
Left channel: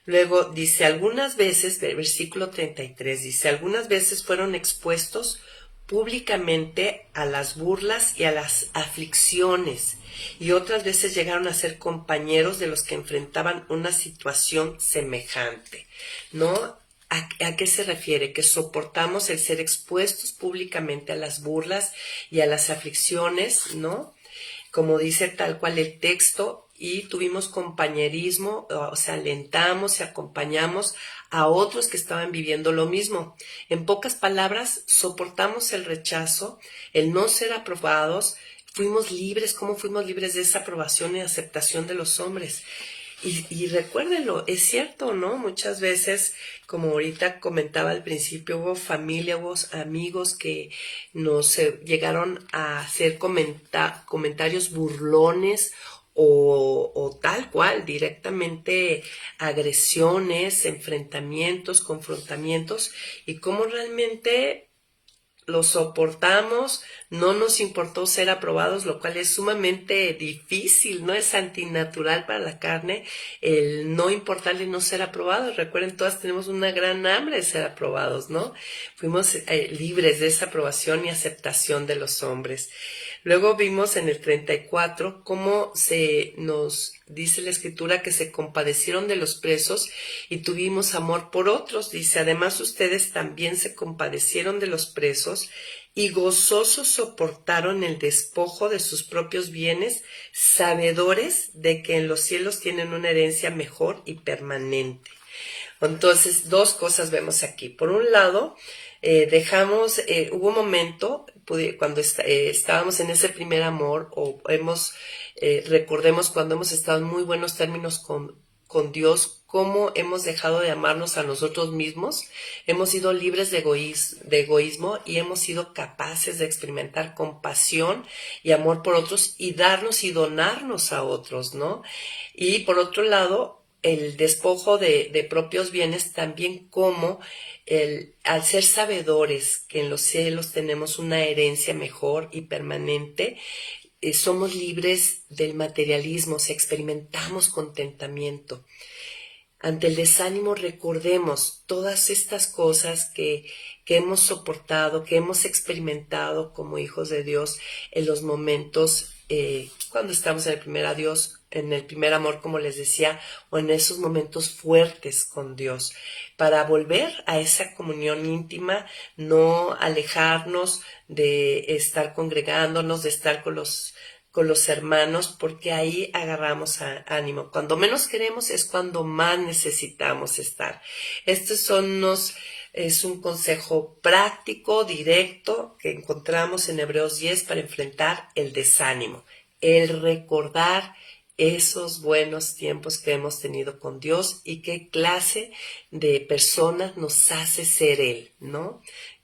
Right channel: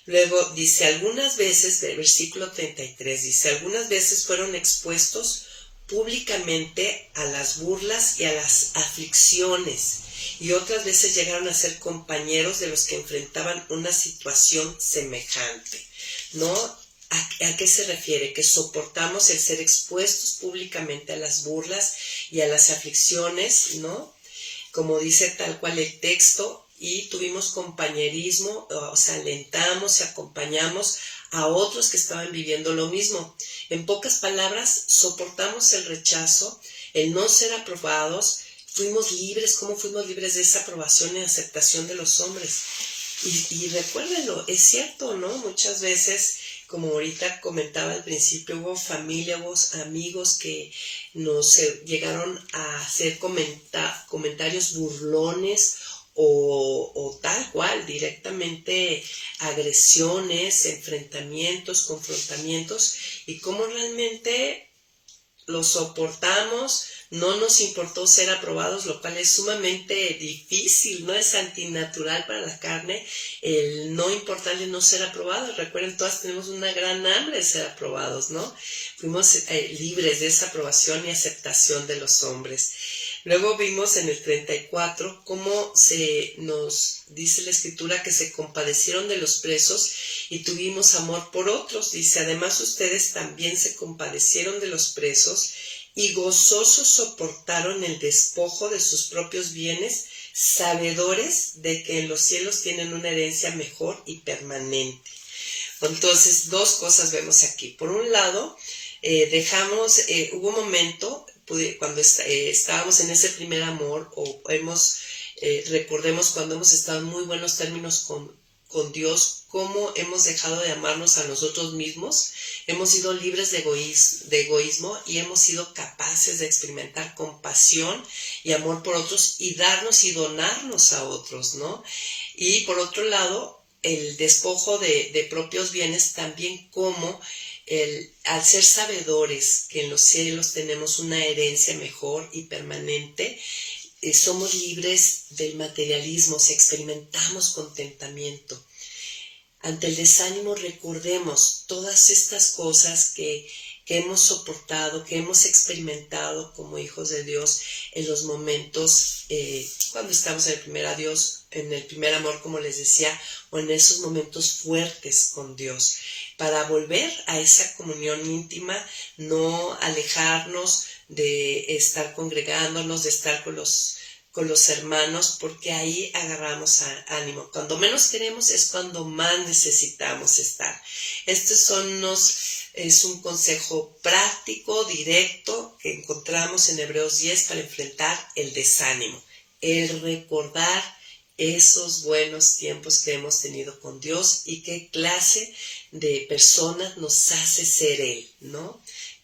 Luego dice, algunas veces, del versículo 33, dice, algunas veces fueron expuestos públicamente a las burlas y a las aflicciones, y otras veces llegaron a ser compañeros de los que enfrentaban una situación semejante, ¿no? ¿A qué se refiere? Que soportamos el ser expuestos públicamente a las burlas y a las aflicciones, ¿no? Como dice tal cual el texto, y tuvimos compañerismo, o sea, alentamos y acompañamos a otros que estaban viviendo lo mismo. En pocas palabras, soportamos el rechazo, el no ser aprobados, fuimos libres. ¿Cómo fuimos libres de esa aprobación y aceptación de los hombres? Y recuérdenlo, es cierto, ¿no? Muchas veces, como ahorita comentaba al principio, hubo familia, hubo amigos que nos llegaron a hacer comentarios burlones o tal cual, directamente agresiones, enfrentamientos, confrontamientos, y cómo realmente lo soportamos, no nos importó ser aprobados, lo cual es sumamente difícil, no es antinatural para la carne el no importarle no ser aprobados. Recuerden, todas tenemos una gran hambre de ser aprobados, ¿no? Fuimos libres de esa aprobación y aceptación de los hombres. Luego vimos en el 34 cómo se nos dice la escritura que se compadecieron de los presos y tuvimos amor por otros. Dice, además ustedes también se compadecieron de los presos y gozosos soportaron el despojo de sus propios bienes, sabedores de que en los cielos tienen una herencia mejor y permanente. Entonces, 2 cosas vemos aquí. Por un lado, hubo un momento cuando estábamos en ese primer amor, o recordemos cuando hemos estado en muy buenos términos con Dios, cómo hemos dejado de amarnos a nosotros mismos, hemos sido libres de egoísmo y hemos sido capaces de experimentar compasión y amor por otros y darnos y donarnos a otros, ¿no? Y por otro lado, el despojo de propios bienes, también como al ser sabedores que en los cielos tenemos una herencia mejor y permanente, somos libres del materialismo, si experimentamos contentamiento. Ante el desánimo recordemos todas estas cosas que hemos soportado, que hemos experimentado como hijos de Dios en los momentos cuando estamos en el primer amor, como les decía, o en esos momentos fuertes con Dios, para volver a esa comunión íntima, no alejarnos de estar congregándonos, de estar con los hermanos, porque ahí agarramos ánimo. Cuando menos queremos es cuando más necesitamos estar. Es un consejo práctico, directo, que encontramos en Hebreos 10 para enfrentar el desánimo. El recordar esos buenos tiempos que hemos tenido con Dios y qué clase de personas nos hace ser Él, ¿no?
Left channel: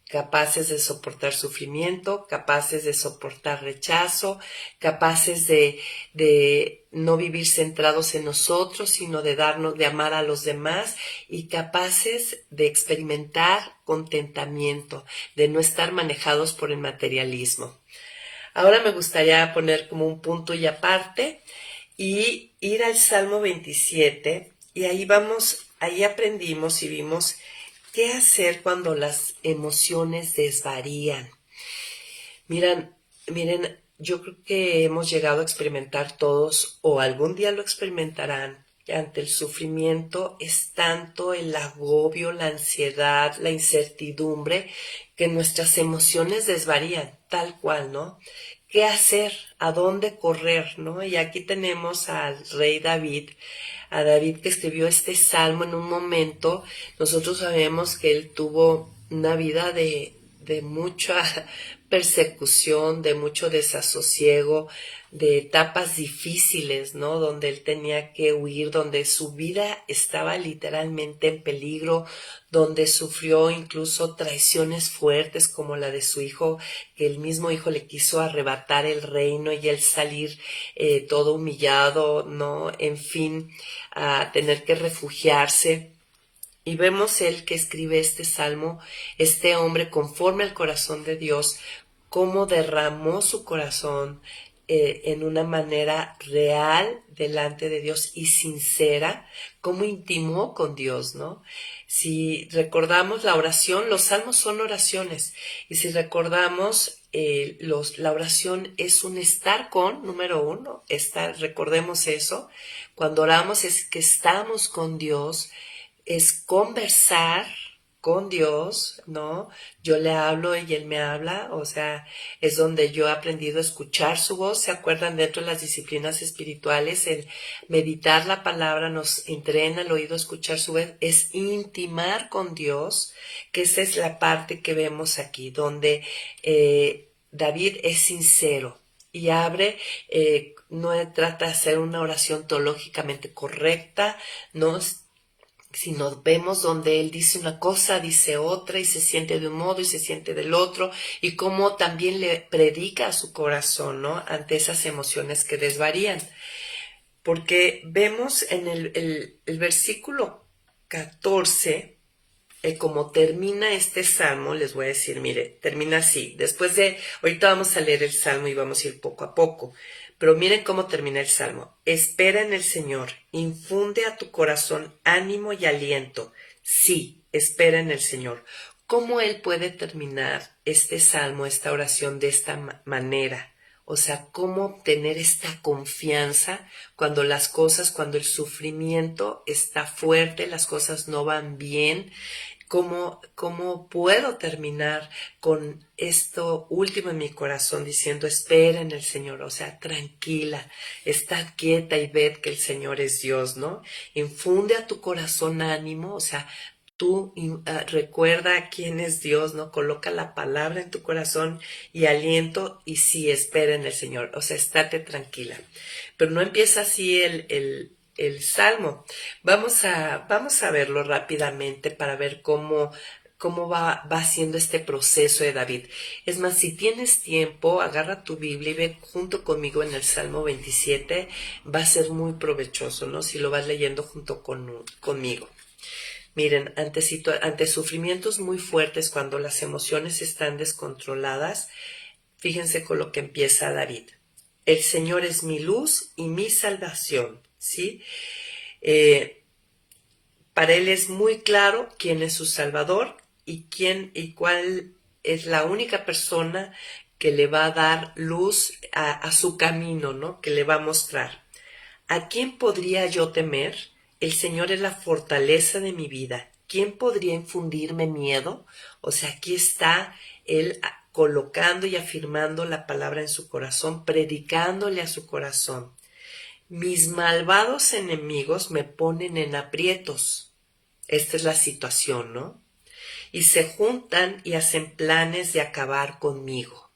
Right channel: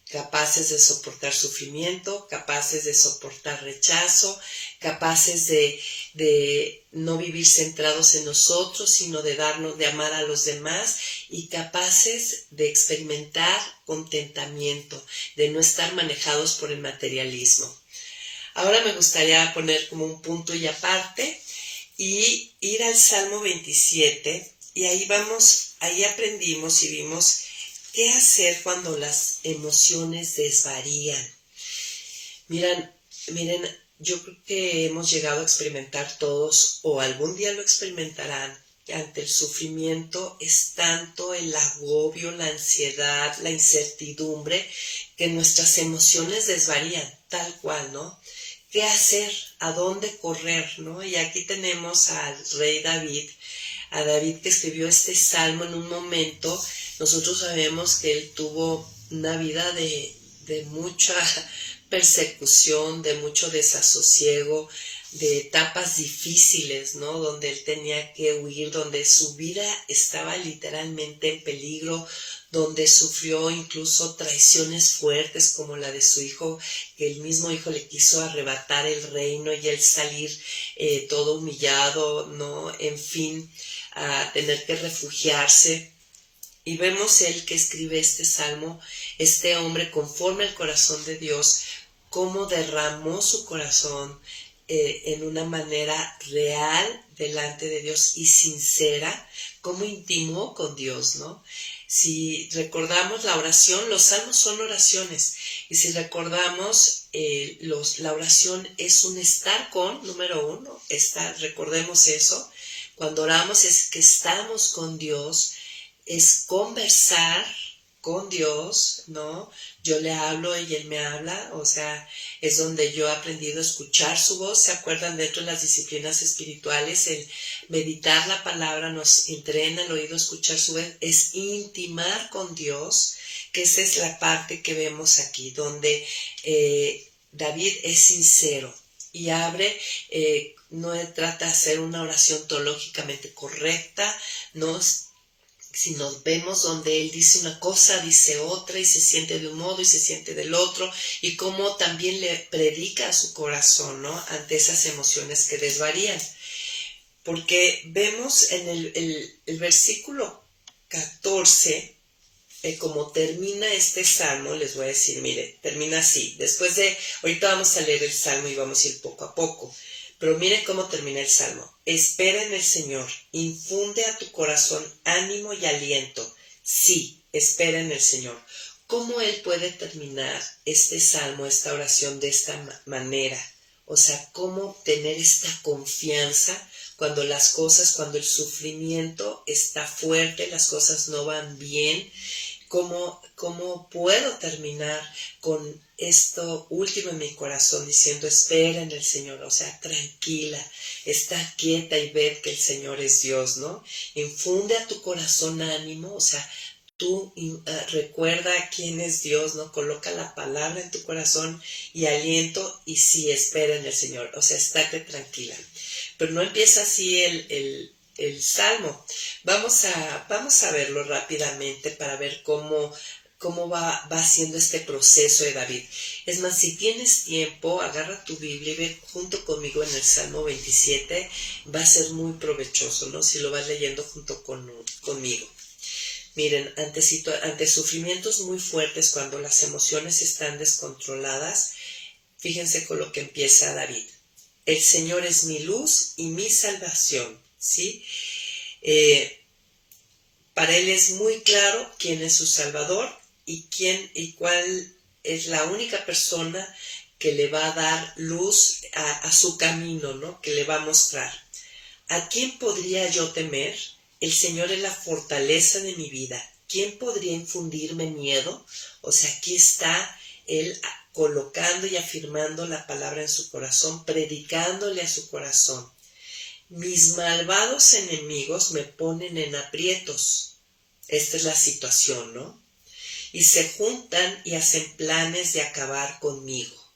Capaces de soportar sufrimiento, capaces de soportar rechazo, capaces de no vivir centrados en nosotros, sino de amar a los demás, y capaces de experimentar contentamiento, de no estar manejados por el materialismo. Ahora me gustaría poner como un punto y aparte y ir al Salmo 27, y ahí aprendimos y vimos qué hacer cuando las emociones desvarían. Miren, yo creo que hemos llegado a experimentar todos, o algún día lo experimentarán, que ante el sufrimiento es tanto el agobio, la ansiedad, la incertidumbre, que nuestras emociones desvarían, tal cual, ¿no? ¿Qué hacer? ¿A dónde correr? ¿No? Y aquí tenemos al rey David, a David que escribió este salmo en un momento. Nosotros sabemos que él tuvo una vida de mucha persecución, de mucho desasosiego, de etapas difíciles, ¿no? Donde él tenía que huir, donde su vida estaba literalmente en peligro, donde sufrió incluso traiciones fuertes como la de su hijo, que el mismo hijo le quiso arrebatar el reino y él salir todo humillado, ¿no? En fin, a tener que refugiarse. Y vemos él que escribe este salmo, este hombre conforme al corazón de Dios, cómo derramó su corazón en una manera real delante de Dios y sincera, cómo intimó con Dios, ¿no? Si recordamos la oración, los salmos son oraciones, y si recordamos, la oración es un estar con, número uno, recordemos eso, cuando oramos es que estamos con Dios, es conversar con Dios, ¿no? Yo le hablo y Él me habla, o sea, es donde yo he aprendido a escuchar su voz. ¿Se acuerdan? Dentro de las disciplinas espirituales, el meditar la palabra nos entrena el oído a escuchar su voz, es intimar con Dios, que esa es la parte que vemos aquí, donde David es sincero y no trata de hacer una oración teológicamente correcta, no. Si nos vemos donde él dice una cosa, dice otra, y se siente de un modo y se siente del otro, y cómo también le predica a su corazón, ¿no? Ante esas emociones que desvarían. Porque vemos en el versículo 14, como termina este salmo, les voy a decir, mire, termina así. Ahorita vamos a leer el salmo y vamos a ir poco a poco. Pero miren cómo termina el salmo. Espera en el Señor, infunde a tu corazón ánimo y aliento. Sí, espera en el Señor. ¿Cómo Él puede terminar este salmo, esta oración de esta manera? O sea, ¿cómo tener esta confianza cuando cuando el sufrimiento está fuerte, las cosas no van bien? ¿Cómo puedo terminar con esto último en mi corazón diciendo espera en el Señor? O sea, tranquila, está quieta y ved que el Señor es Dios, ¿no? Infunde a tu corazón ánimo, o sea, tú recuerda quién es Dios, ¿no? Coloca la palabra en tu corazón y aliento, y sí, espera en el Señor, o sea, estate tranquila. Pero no empieza así el salmo. Vamos a verlo rápidamente para ver cómo va haciendo este proceso de David. Es más, si tienes tiempo, agarra tu Biblia y ve junto conmigo en el Salmo 27, va a ser muy provechoso, ¿no? Si lo vas leyendo junto conmigo. Miren, ante sufrimientos muy fuertes, cuando las emociones están descontroladas, fíjense con lo que empieza David. El Señor es mi luz y mi salvación, ¿sí? Para él es muy claro quién es su Salvador y cuál es la única persona que le va a dar luz a su camino, ¿no? Que le va a mostrar. ¿A quién podría yo temer? El Señor es la fortaleza de mi vida. ¿Quién podría infundirme miedo? O sea, aquí está él colocando y afirmando la palabra en su corazón, predicándole a su corazón. Mis malvados enemigos me ponen en aprietos. Esta es la situación, ¿no? Y se juntan y hacen planes de acabar conmigo.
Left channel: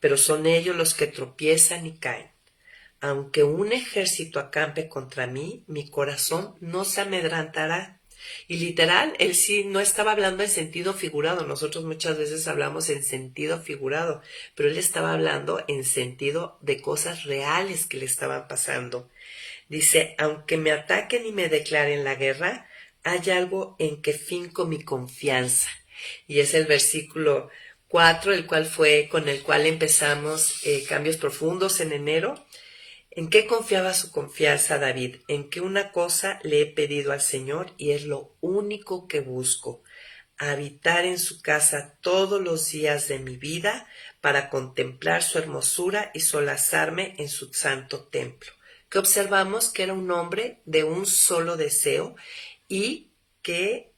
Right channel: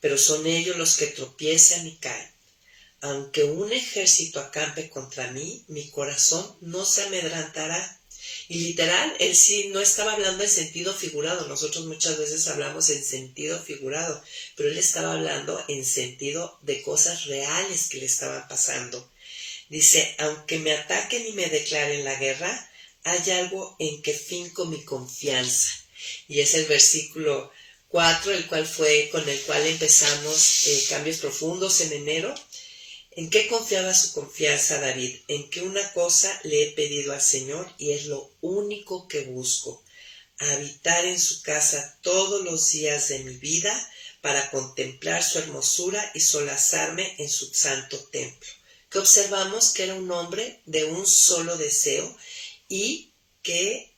Pero son ellos los que tropiezan y caen. Aunque un ejército acampe contra mí, mi corazón no se amedrentará. Y literal, él sí no estaba hablando en sentido figurado. Nosotros muchas veces hablamos en sentido figurado, pero él estaba hablando en sentido de cosas reales que le estaban pasando. Dice, aunque me ataquen y me declaren la guerra, hay algo en que finco mi confianza. Y es el versículo 4, con el cual empezamos Cambios Profundos en enero. ¿En qué confiaba su confianza David? En que una cosa le he pedido al Señor y es lo único que busco, habitar en su casa todos los días de mi vida para contemplar su hermosura y solazarme en su santo templo. Que observamos que era un hombre de un solo deseo y que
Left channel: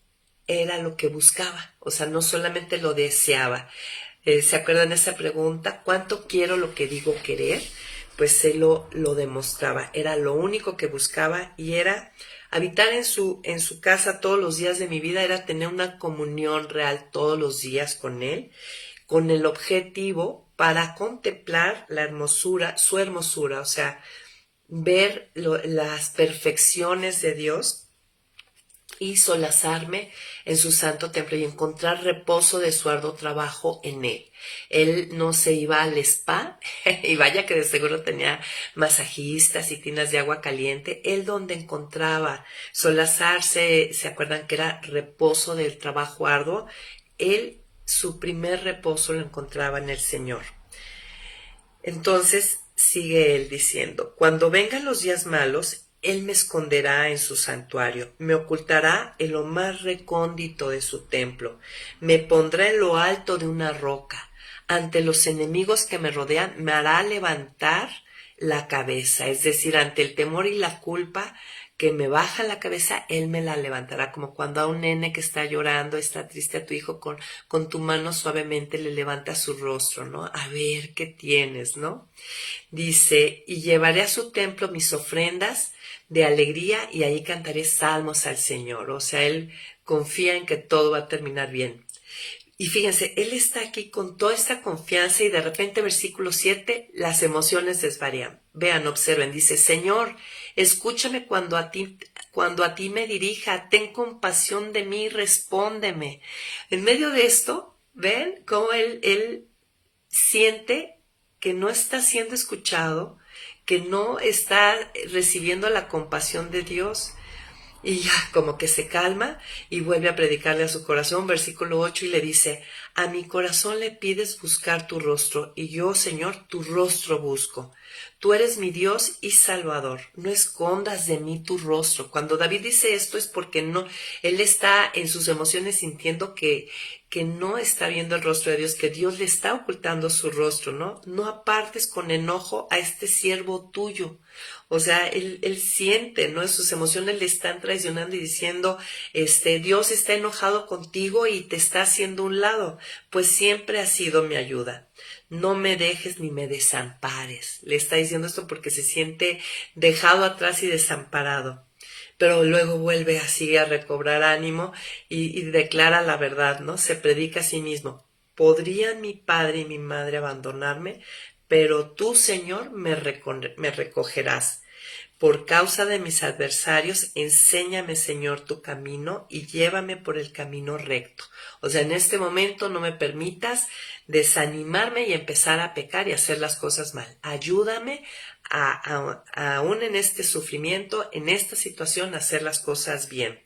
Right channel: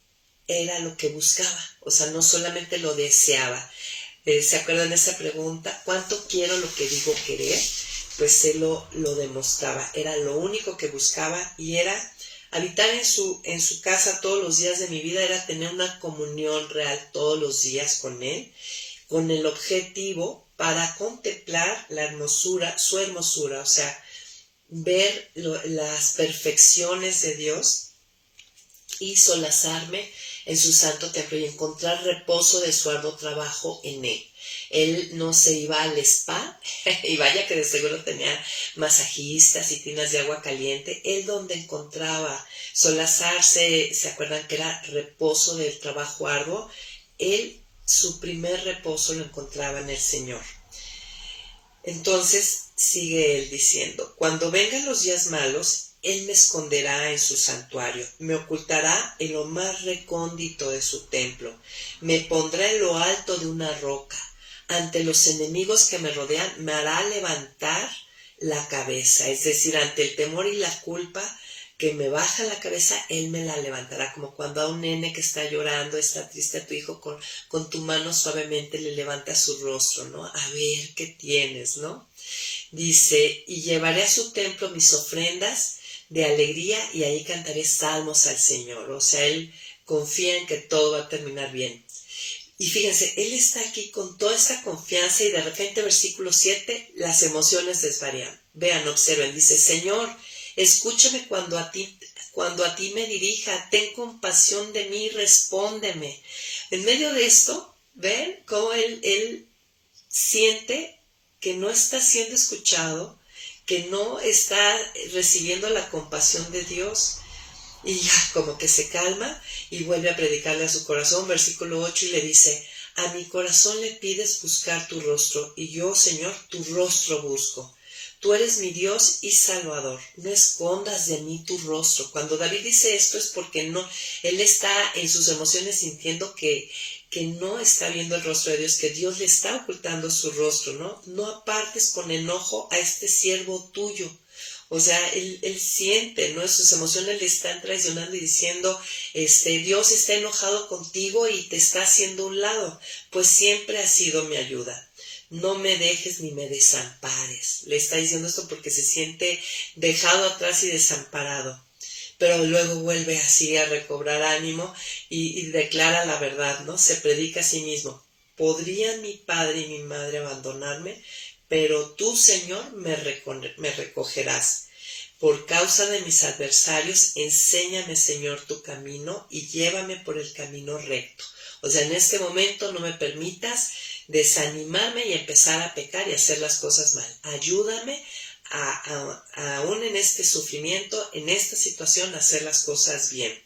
era lo que buscaba, o sea, no solamente lo deseaba. ¿Se acuerdan de esa pregunta? ¿Cuánto quiero lo que digo querer? Pues él lo demostraba, era lo único que buscaba y era habitar en su casa todos los días de mi vida, era tener una comunión real todos los días con él, con el objetivo para contemplar la hermosura, su hermosura, o sea, ver las perfecciones de Dios y solazarme en su santo templo y encontrar reposo de su arduo trabajo en él. Él no se iba al spa, y vaya que de seguro tenía masajistas y tinas de agua caliente. Él donde encontraba solazarse, ¿se acuerdan que era reposo del trabajo arduo? Él, su primer reposo lo encontraba en el Señor. Entonces sigue él diciendo, cuando vengan los días malos, él me esconderá en su santuario, me ocultará en lo más recóndito de su templo, me pondrá en lo alto de una roca, ante los enemigos que me rodean, me hará levantar la cabeza, es decir, ante el temor y la culpa que me baja la cabeza, él me la levantará, como cuando a un nene que está llorando, está triste, a tu hijo con tu mano suavemente le levanta su rostro, ¿no? A ver qué tienes, ¿no? Dice, y llevaré a su templo mis ofrendas de alegría y ahí cantaré salmos al Señor. O sea, él confía en que todo va a terminar bien. Y fíjense, él está aquí con toda esta confianza y de repente versículo 7, las emociones desvarían. Vean, observen, dice, Señor, escúchame cuando a ti me dirija, ten compasión de mí, respóndeme. En medio de esto, ven cómo él siente que no está siendo escuchado, que no está recibiendo la compasión de Dios. Y ya como que se calma y vuelve a predicarle a su corazón, versículo 8, y le dice, a mi corazón le pides buscar tu rostro, y yo, Señor, tu rostro busco. Tú eres mi Dios y Salvador, no escondas de mí tu rostro. Cuando David dice esto es porque él está en sus emociones sintiendo que no está viendo el rostro de Dios, que Dios le está ocultando su rostro, ¿no? No apartes con enojo a este siervo tuyo. O sea, él siente, ¿no? Sus emociones le están traicionando y diciendo, Dios está enojado contigo y te está haciendo un lado, pues siempre ha sido mi ayuda. No me dejes ni me desampares. Le está diciendo esto porque se siente dejado atrás y desamparado. Pero luego vuelve así a recobrar ánimo y declara la verdad, ¿no? Se predica a sí mismo. ¿Podrían mi padre y mi madre abandonarme? Pero tú, Señor, me recogerás. Por causa de mis adversarios, enséñame, Señor, tu camino y llévame por el camino recto. O sea, en este momento no me permitas desanimarme y empezar a pecar y hacer las cosas mal. Ayúdame aún en este sufrimiento, en esta situación, a hacer las cosas bien.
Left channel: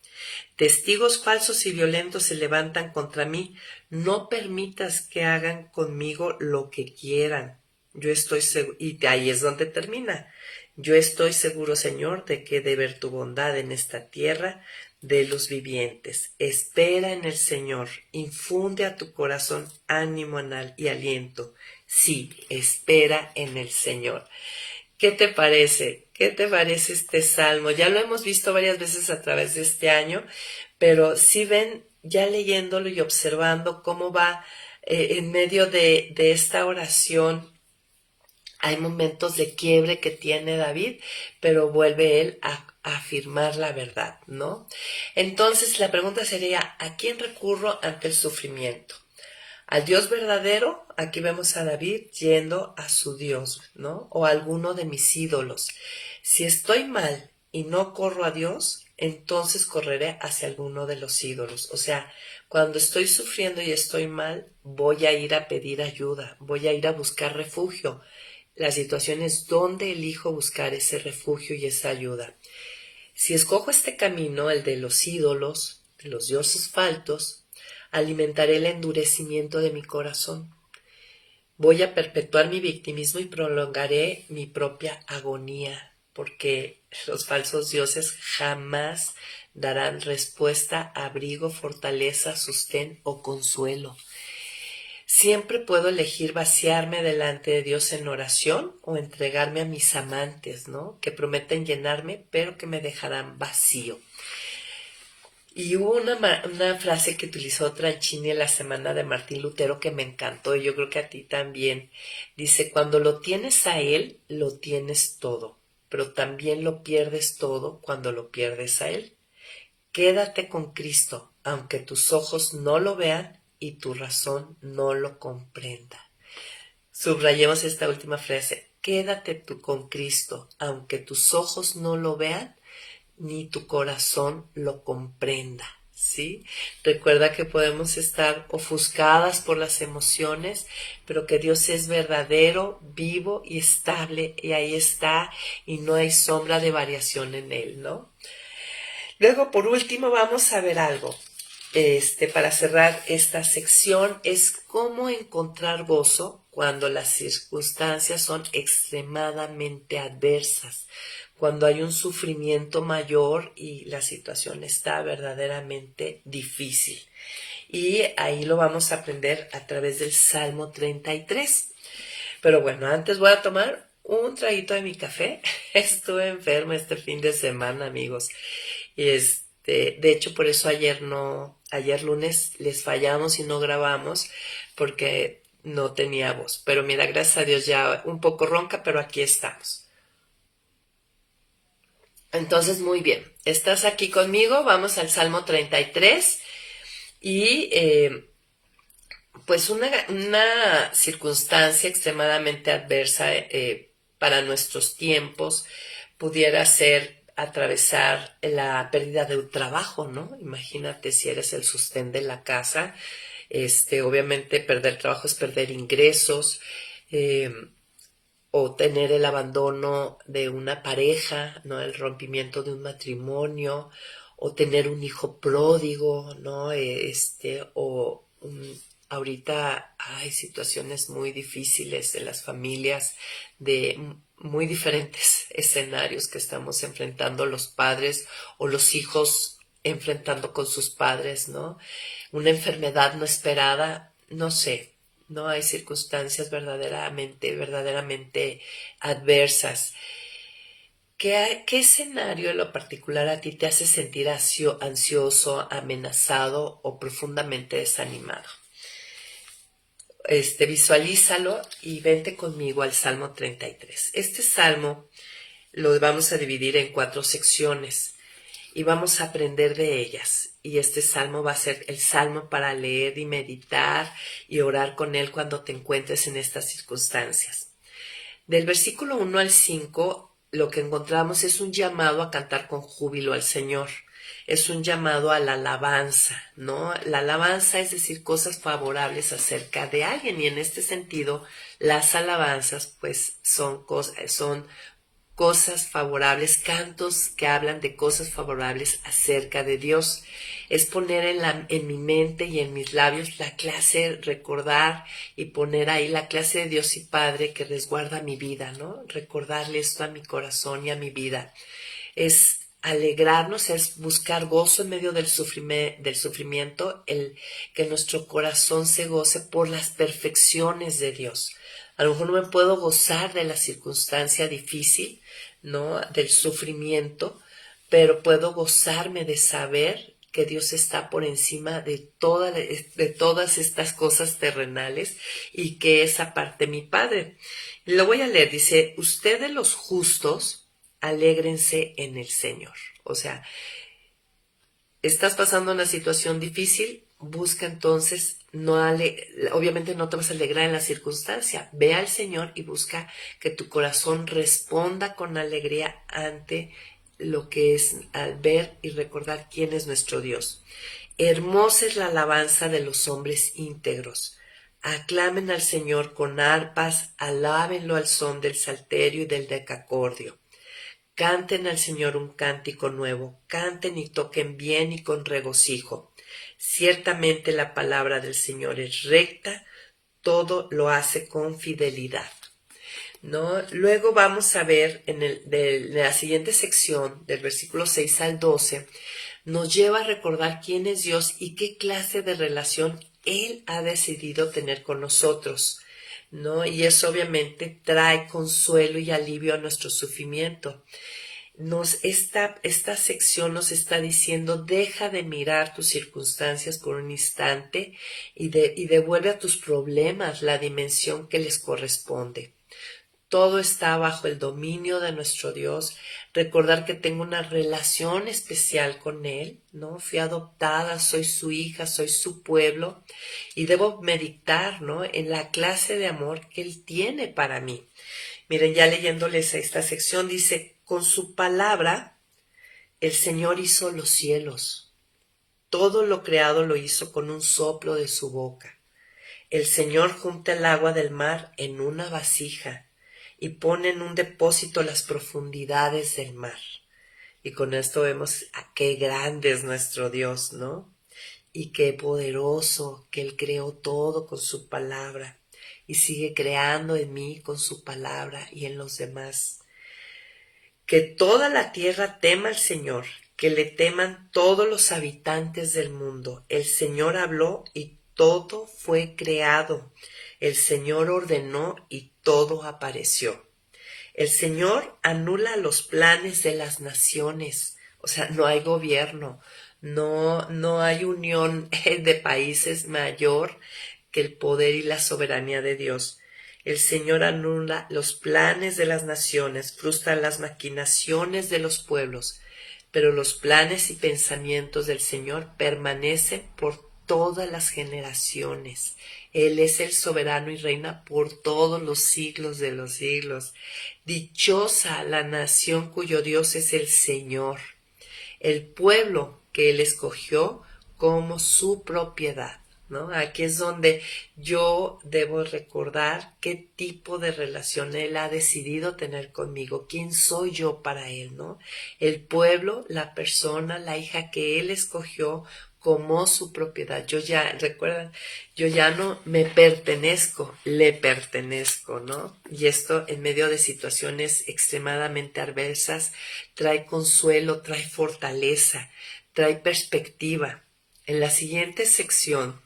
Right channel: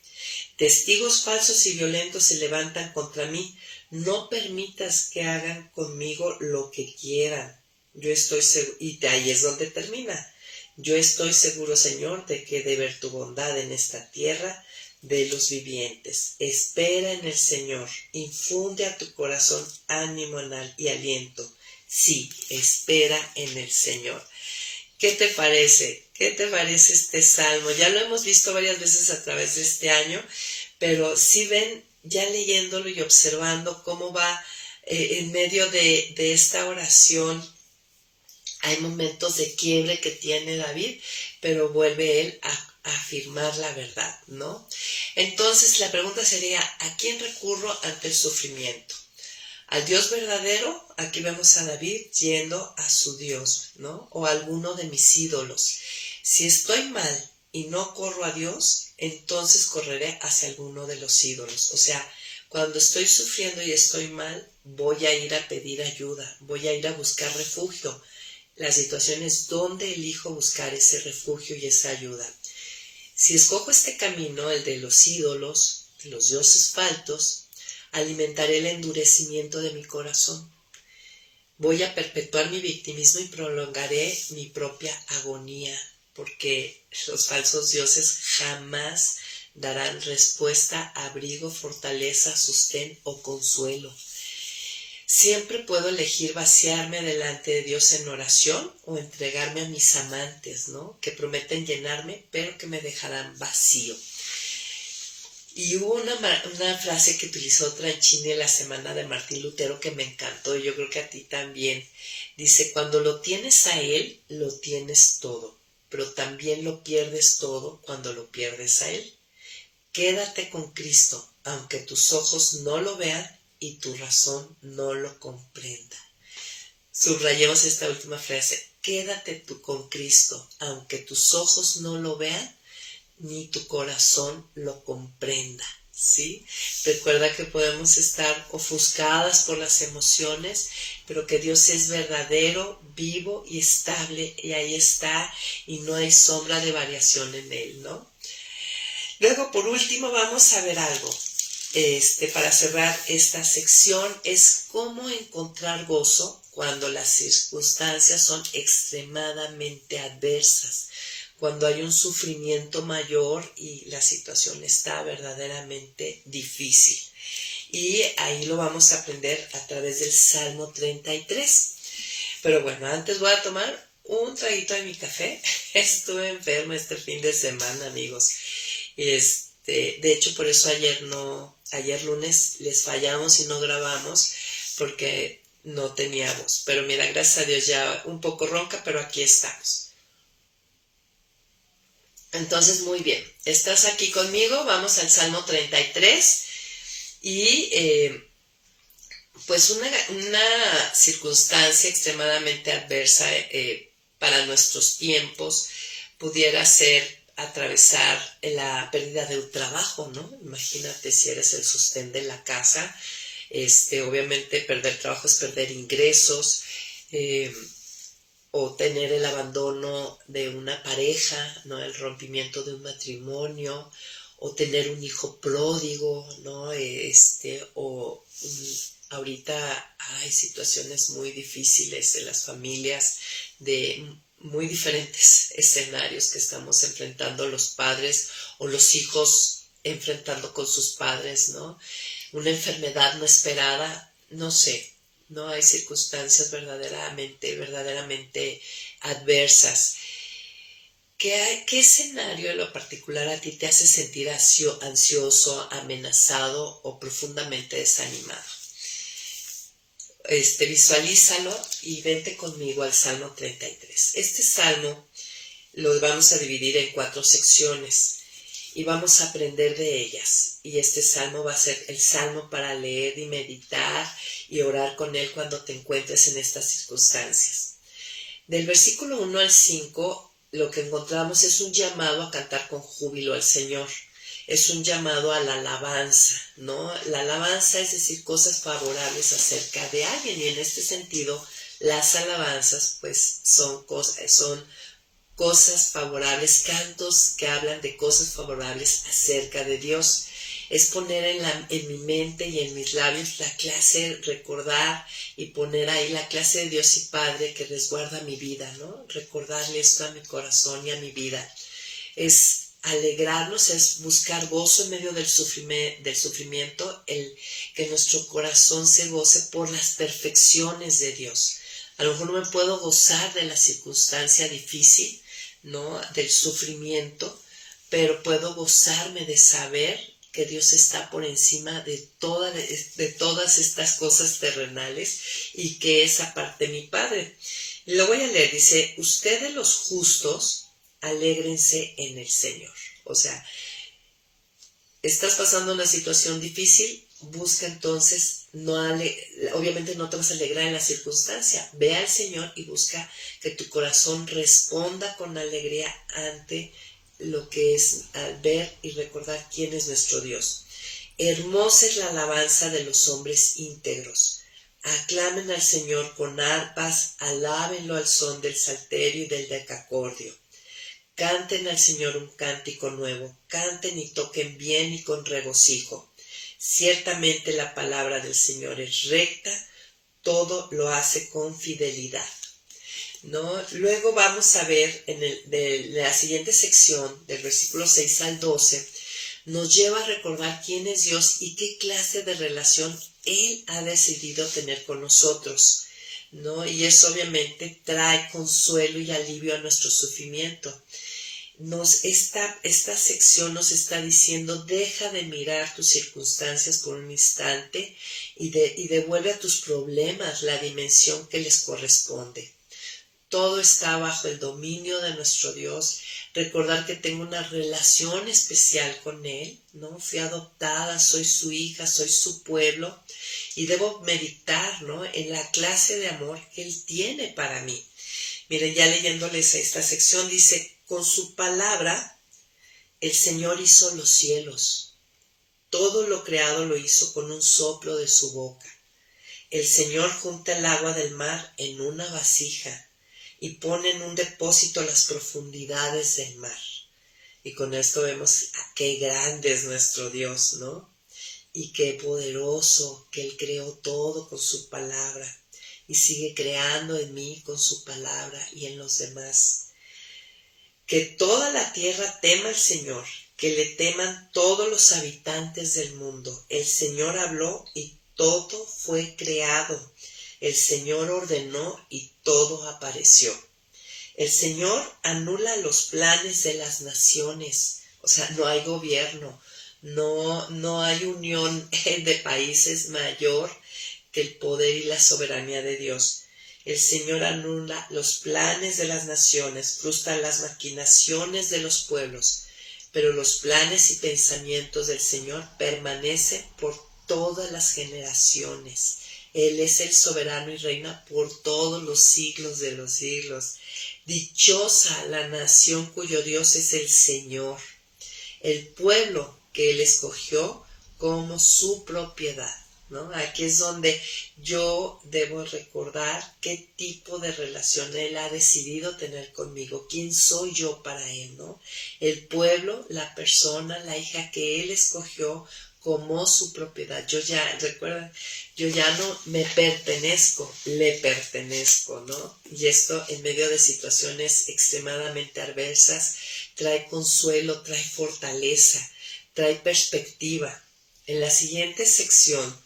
Testigos falsos y violentos se levantan contra mí. No permitas que hagan conmigo lo que quieran. Yo estoy seguro, y ahí es donde termina. Yo estoy seguro, Señor, de que he de ver tu bondad en esta tierra de los vivientes. Espera en el Señor. Infunde a tu corazón ánimo y aliento. Sí, espera en el Señor. ¿Qué te parece? ¿Qué te parece este salmo? Ya lo hemos visto varias veces a través de este año, pero si ven, ya leyéndolo y observando cómo va en medio de esta oración, hay momentos de quiebre que tiene David, pero vuelve él a afirmar la verdad, ¿no? Entonces la pregunta sería, ¿a quién recurro ante el sufrimiento? Al Dios verdadero, aquí vemos a David yendo a su Dios, ¿no? O a alguno de mis ídolos. Si estoy mal y no corro a Dios, entonces correré hacia alguno de los ídolos. O sea, cuando estoy sufriendo y estoy mal, voy a ir a pedir ayuda, voy a ir a buscar refugio. La situación es donde elijo buscar ese refugio y esa ayuda. Si escojo este camino, el de los ídolos, de los dioses falsos, alimentaré el endurecimiento de mi corazón. Voy a perpetuar mi victimismo y prolongaré mi propia agonía, porque los falsos dioses jamás darán respuesta, abrigo, fortaleza, sostén o consuelo. Siempre puedo elegir vaciarme delante de Dios en oración o entregarme a mis amantes, ¿no? Que prometen llenarme, pero que me dejarán vacío. Y hubo una frase que utilizó Tranchini en la semana de Martín Lutero que me encantó y yo creo que a ti también. Dice, cuando lo tienes a Él, lo tienes todo, pero también lo pierdes todo cuando lo pierdes a Él. Quédate con Cristo, aunque tus ojos no lo vean y tu razón no lo comprenda. Subrayemos esta última frase. Quédate tú con Cristo, aunque tus ojos no lo vean ni tu corazón lo comprenda, ¿sí? Recuerda que podemos estar ofuscadas por las emociones, pero que Dios es verdadero, vivo y estable, y ahí está, y no hay sombra de variación en Él, ¿no? Luego, por último, vamos a ver algo. Para cerrar esta sección, es cómo encontrar gozo cuando las circunstancias son extremadamente adversas, cuando hay un sufrimiento mayor y la situación está verdaderamente difícil. Y ahí lo vamos a aprender a través del Salmo 33. Pero bueno, antes voy a tomar un traguito de mi café. Estuve enferma este fin de semana, amigos. De hecho, por eso ayer lunes les fallamos y no grabamos porque no tenía voz. Pero mira, gracias a Dios ya un poco ronca, pero aquí estamos. Entonces, muy bien, estás aquí conmigo, vamos al Salmo 33 y pues una circunstancia extremadamente adversa para nuestros tiempos pudiera ser atravesar la pérdida de un trabajo, ¿no? Imagínate si eres el sostén de la casa, obviamente perder trabajo es perder ingresos, o tener el abandono de una pareja, ¿no? El rompimiento de un matrimonio, o tener un hijo pródigo, ¿no? Ahorita hay situaciones muy difíciles en las familias de muy diferentes escenarios que estamos enfrentando los padres o los hijos enfrentando con sus padres, ¿no? Una enfermedad no esperada, no sé, no hay circunstancias verdaderamente adversas. ¿Qué escenario en lo particular a ti te hace sentir ansioso, amenazado o profundamente desanimado? Visualízalo y vente conmigo al Salmo 33. Este salmo lo vamos a dividir en 4 secciones y vamos a aprender de ellas. Y este salmo va a ser el salmo para leer y meditar y orar con él cuando te encuentres en estas circunstancias. Del versículo 1 al 5, lo que encontramos es un llamado a cantar con júbilo al Señor. es un llamado a la alabanza, ¿no? La alabanza es decir cosas favorables acerca de alguien, y en este sentido las alabanzas pues son cosas favorables, cantos que hablan de cosas favorables acerca de Dios. Es poner en mi mente y en mis labios la clase, recordar y poner ahí la clase de Dios y Padre que resguarda mi vida, ¿no? Recordarle esto a mi corazón y a mi vida. Es alegrarnos, es buscar gozo en medio del sufrimiento, el que nuestro corazón se goce por las perfecciones de Dios. A lo mejor no me puedo gozar de la circunstancia difícil, ¿no? Del sufrimiento, pero puedo gozarme de saber que Dios está por encima de todas estas cosas terrenales y que es aparte mi Padre. Lo voy a leer, dice, ustedes los justos, alégrense en el Señor. O sea, estás pasando una situación difícil, busca entonces, obviamente no te vas a alegrar en la circunstancia, ve al Señor y busca que tu corazón responda con alegría ante lo que es al ver y recordar quién es nuestro Dios. Hermosa es la alabanza de los hombres íntegros. Aclamen al Señor con arpas, alábenlo al son del salterio y del decacordio. Canten al Señor un cántico nuevo, canten y toquen bien y con regocijo. Ciertamente la palabra del Señor es recta, todo lo hace con fidelidad. ¿No? Luego vamos a ver de la siguiente sección, del versículo 6 al 12, nos lleva a recordar quién es Dios y qué clase de relación Él ha decidido tener con nosotros, ¿no? Y eso obviamente trae consuelo y alivio a nuestro sufrimiento. Esta sección nos está diciendo, deja de mirar tus circunstancias por un instante y devuelve a tus problemas la dimensión que les corresponde. Todo está bajo el dominio de nuestro Dios. Recordar que tengo una relación especial con Él, ¿no? Fui adoptada, soy su hija, soy su pueblo y debo meditar, ¿no? En la clase de amor que Él tiene para mí. Miren, ya leyéndoles esta sección dice, con su palabra el Señor hizo los cielos. Todo lo creado lo hizo con un soplo de su boca. El Señor junta el agua del mar en una vasija y pone en un depósito las profundidades del mar. Y con esto vemos a qué grande es nuestro Dios, ¿no? Y qué poderoso que Él creó todo con su palabra y sigue creando en mí con su palabra y en los demás. Que toda la tierra tema al Señor, que le teman todos los habitantes del mundo. El Señor habló y todo fue creado. El Señor ordenó y todo apareció. El Señor anula los planes de las naciones. O sea, no hay gobierno, no hay unión de países mayor que el poder y la soberanía de Dios. El Señor anula los planes de las naciones, frustra las maquinaciones de los pueblos, pero los planes y pensamientos del Señor permanecen por todas las generaciones. Él es el soberano y reina por todos los siglos de los siglos. Dichosa la nación cuyo Dios es el Señor, el pueblo que Él escogió como su propiedad, ¿no? Aquí es donde yo debo recordar qué tipo de relación Él ha decidido tener conmigo, quién soy yo para Él, ¿no? El pueblo, la persona, la hija que Él escogió como su propiedad. Recuerdan, yo ya no me pertenezco, le pertenezco, ¿no? Y esto en medio de situaciones extremadamente adversas trae consuelo, trae fortaleza, trae perspectiva. En la siguiente sección,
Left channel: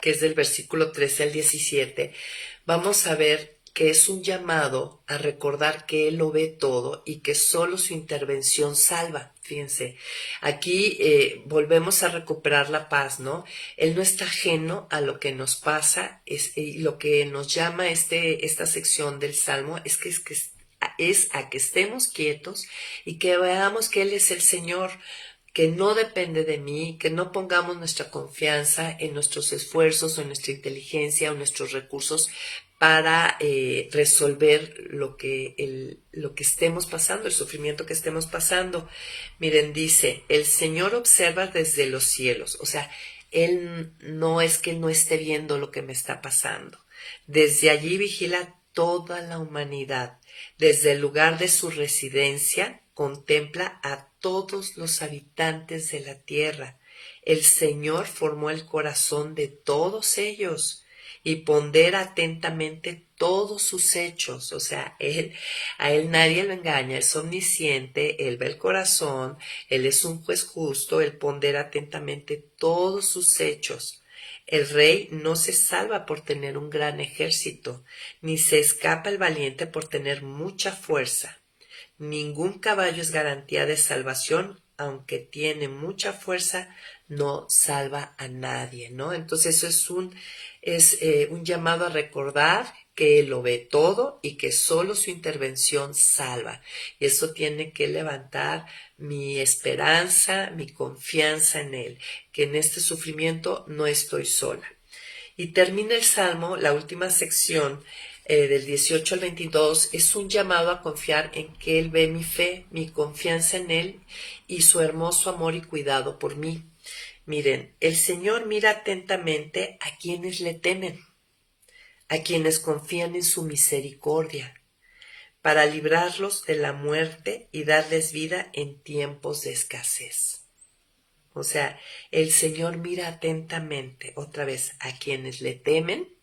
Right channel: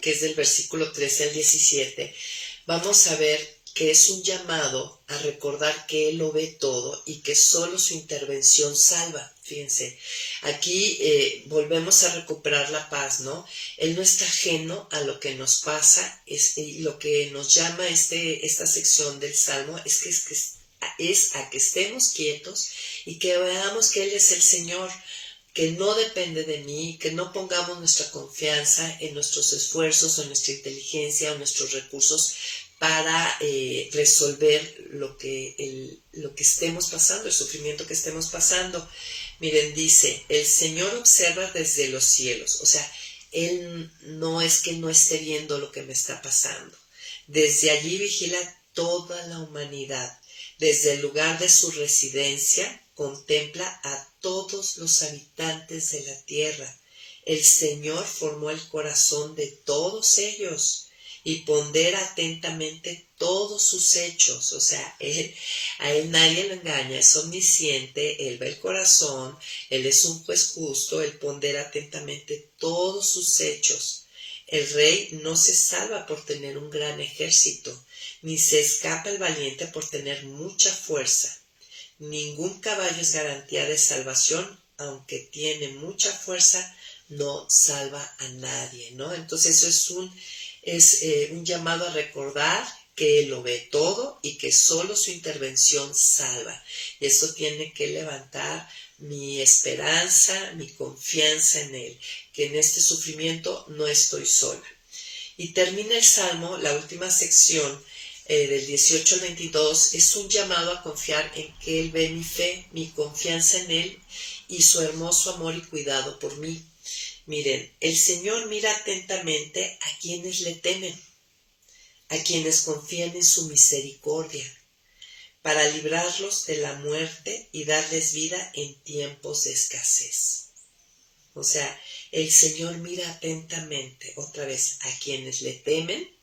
que es del versículo 13 al 17, vamos a ver que es un llamado a recordar que Él lo ve todo y que solo su intervención salva. Fíjense, aquí volvemos a recuperar la paz, ¿no? Él no está ajeno a lo que nos pasa, y lo que nos llama esta sección del Salmo es a que estemos quietos y que veamos que Él es el Señor, que no depende de mí, que no pongamos nuestra confianza en nuestros esfuerzos o en nuestra inteligencia o nuestros recursos, para resolver lo que estemos pasando, el sufrimiento que estemos pasando. Miren, dice, el Señor observa desde los cielos, o sea, Él no es que no esté viendo lo que me está pasando. Desde allí vigila toda la humanidad. Desde el lugar de su residencia contempla a todos los habitantes de la tierra. El Señor formó el corazón de todos ellos y pondera atentamente todos sus hechos. O sea, a él nadie lo engaña, es omnisciente, Él ve el corazón, Él es un juez justo, Él pondera atentamente todos sus hechos. El rey no se salva por tener un gran ejército, ni se escapa el valiente por tener mucha fuerza. Ningún caballo es garantía de salvación, aunque tiene mucha fuerza, no salva a nadie, ¿no? Entonces eso es un llamado a recordar que Él lo ve todo y que solo su intervención salva. Y eso tiene que levantar mi esperanza, mi confianza en Él, que en este sufrimiento no estoy sola. Y termina el Salmo, la última sección, del 18 al 22, es un llamado a confiar en que Él ve mi fe, mi confianza en Él y su hermoso amor y cuidado por mí. Miren, el Señor mira atentamente a quienes le temen, a quienes confían en su misericordia, para librarlos de la muerte y darles vida en tiempos de escasez. O sea, el Señor mira atentamente, otra vez, a quienes le temen,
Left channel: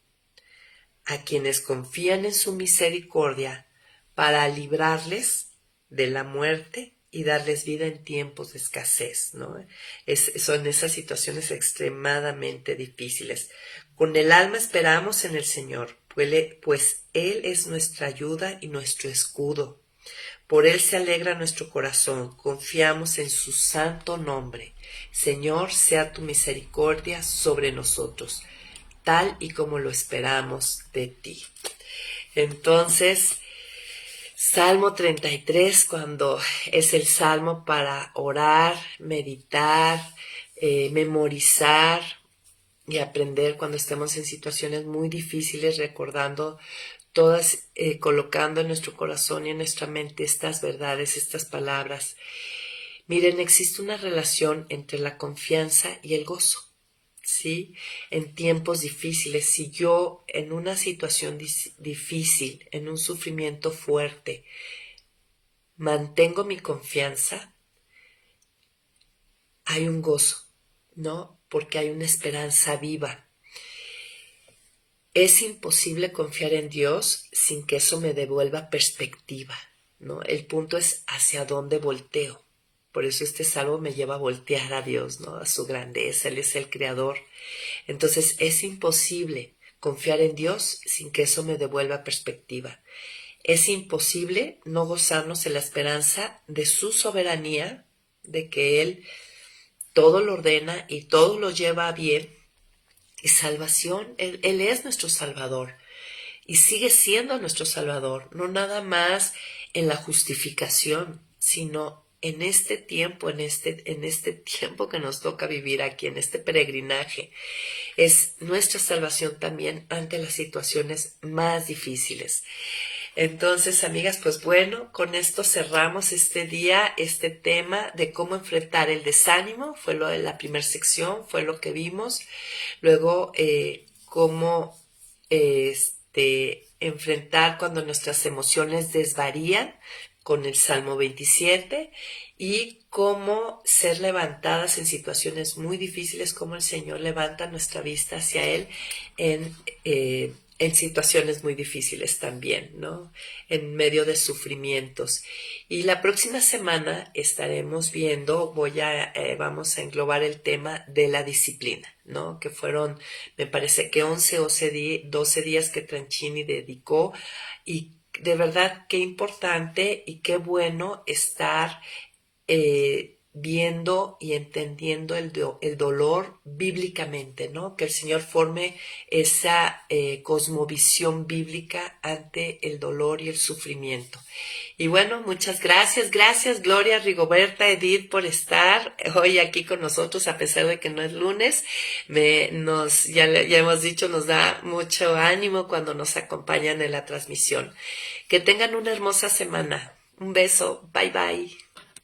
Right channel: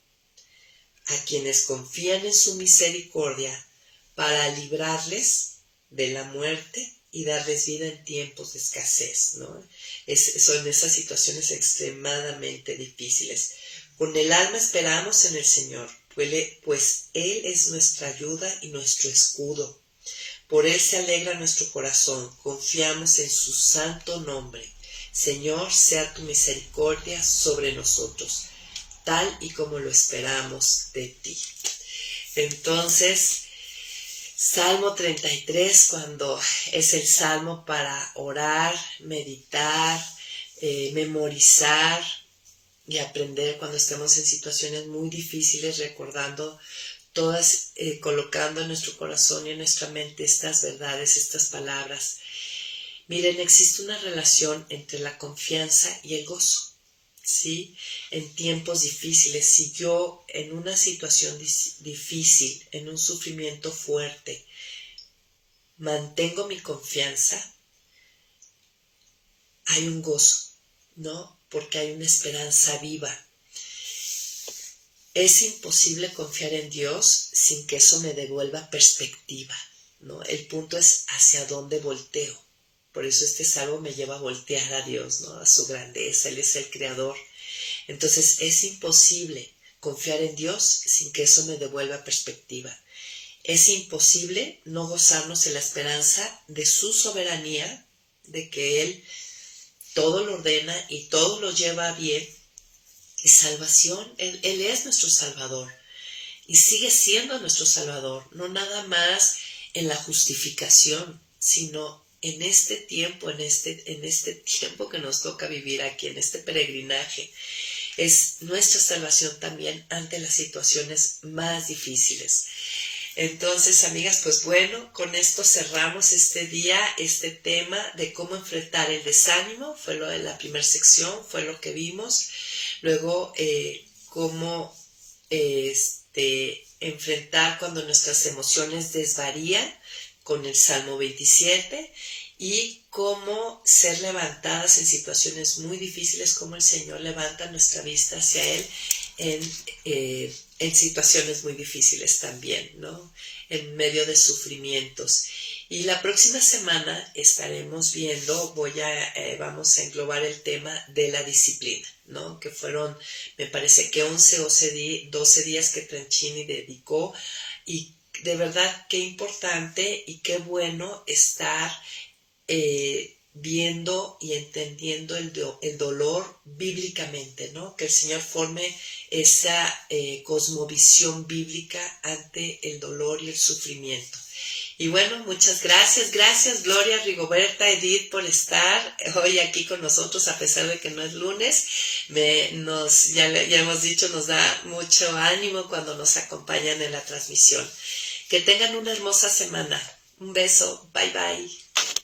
a quienes confían en su misericordia, para librarles de la muerte y darles vida en tiempos de escasez, ¿no? Son esas situaciones extremadamente difíciles. Con el alma esperamos en el Señor, pues Él es nuestra ayuda y nuestro escudo. Por Él se alegra nuestro corazón, confiamos en su santo nombre. Señor, sea tu misericordia sobre nosotros, tal y como lo esperamos de ti. Entonces, Salmo 33, cuando es el salmo para orar, meditar, memorizar y aprender cuando estemos en situaciones muy difíciles, recordando todas, colocando en nuestro corazón y en nuestra mente estas verdades, estas palabras. Miren, existe una relación entre la confianza y el gozo, ¿sí? En tiempos difíciles, si yo en una situación difícil, en un sufrimiento fuerte, mantengo mi confianza, hay un gozo, ¿no? Porque hay una esperanza viva. Es imposible confiar en Dios sin que eso me devuelva perspectiva, ¿no? El punto es hacia dónde volteo. Por eso este salmo me lleva a voltear a Dios, ¿no? A su grandeza, Él es el creador. Entonces es imposible confiar en Dios sin que eso me devuelva perspectiva. Es imposible no gozarnos en la esperanza de su soberanía, de que Él todo lo ordena y todo lo lleva bien. Y salvación, Él es nuestro Salvador y sigue siendo nuestro Salvador, no nada más en la justificación, sino en este tiempo, en este tiempo que nos toca vivir aquí, en este peregrinaje. Es nuestra salvación también ante las situaciones más difíciles. Entonces, amigas, pues bueno, con esto cerramos este día, este tema de cómo enfrentar el desánimo. Fue lo de la primera sección, fue lo que vimos. Luego, cómo enfrentar cuando nuestras emociones desvarían con el Salmo 27 y cómo ser levantadas en situaciones muy difíciles, cómo el Señor levanta nuestra vista hacia Él en situaciones muy difíciles también, ¿no? En medio de sufrimientos. Y la próxima semana estaremos viendo, vamos a englobar el tema de la disciplina, ¿no? Que fueron, me parece que 11 o 12 días que Tranchini dedicó, y de verdad qué importante y qué bueno estar viendo y entendiendo el dolor bíblicamente, ¿no? Que el Señor forme esa cosmovisión bíblica ante el dolor y el sufrimiento. Y bueno, muchas gracias. Gracias Gloria, Rigoberta, Edith por estar hoy aquí con nosotros a pesar de que no es lunes. Ya hemos dicho, nos da mucho ánimo cuando nos acompañan en la transmisión. Que tengan una hermosa semana. Un beso. Bye bye.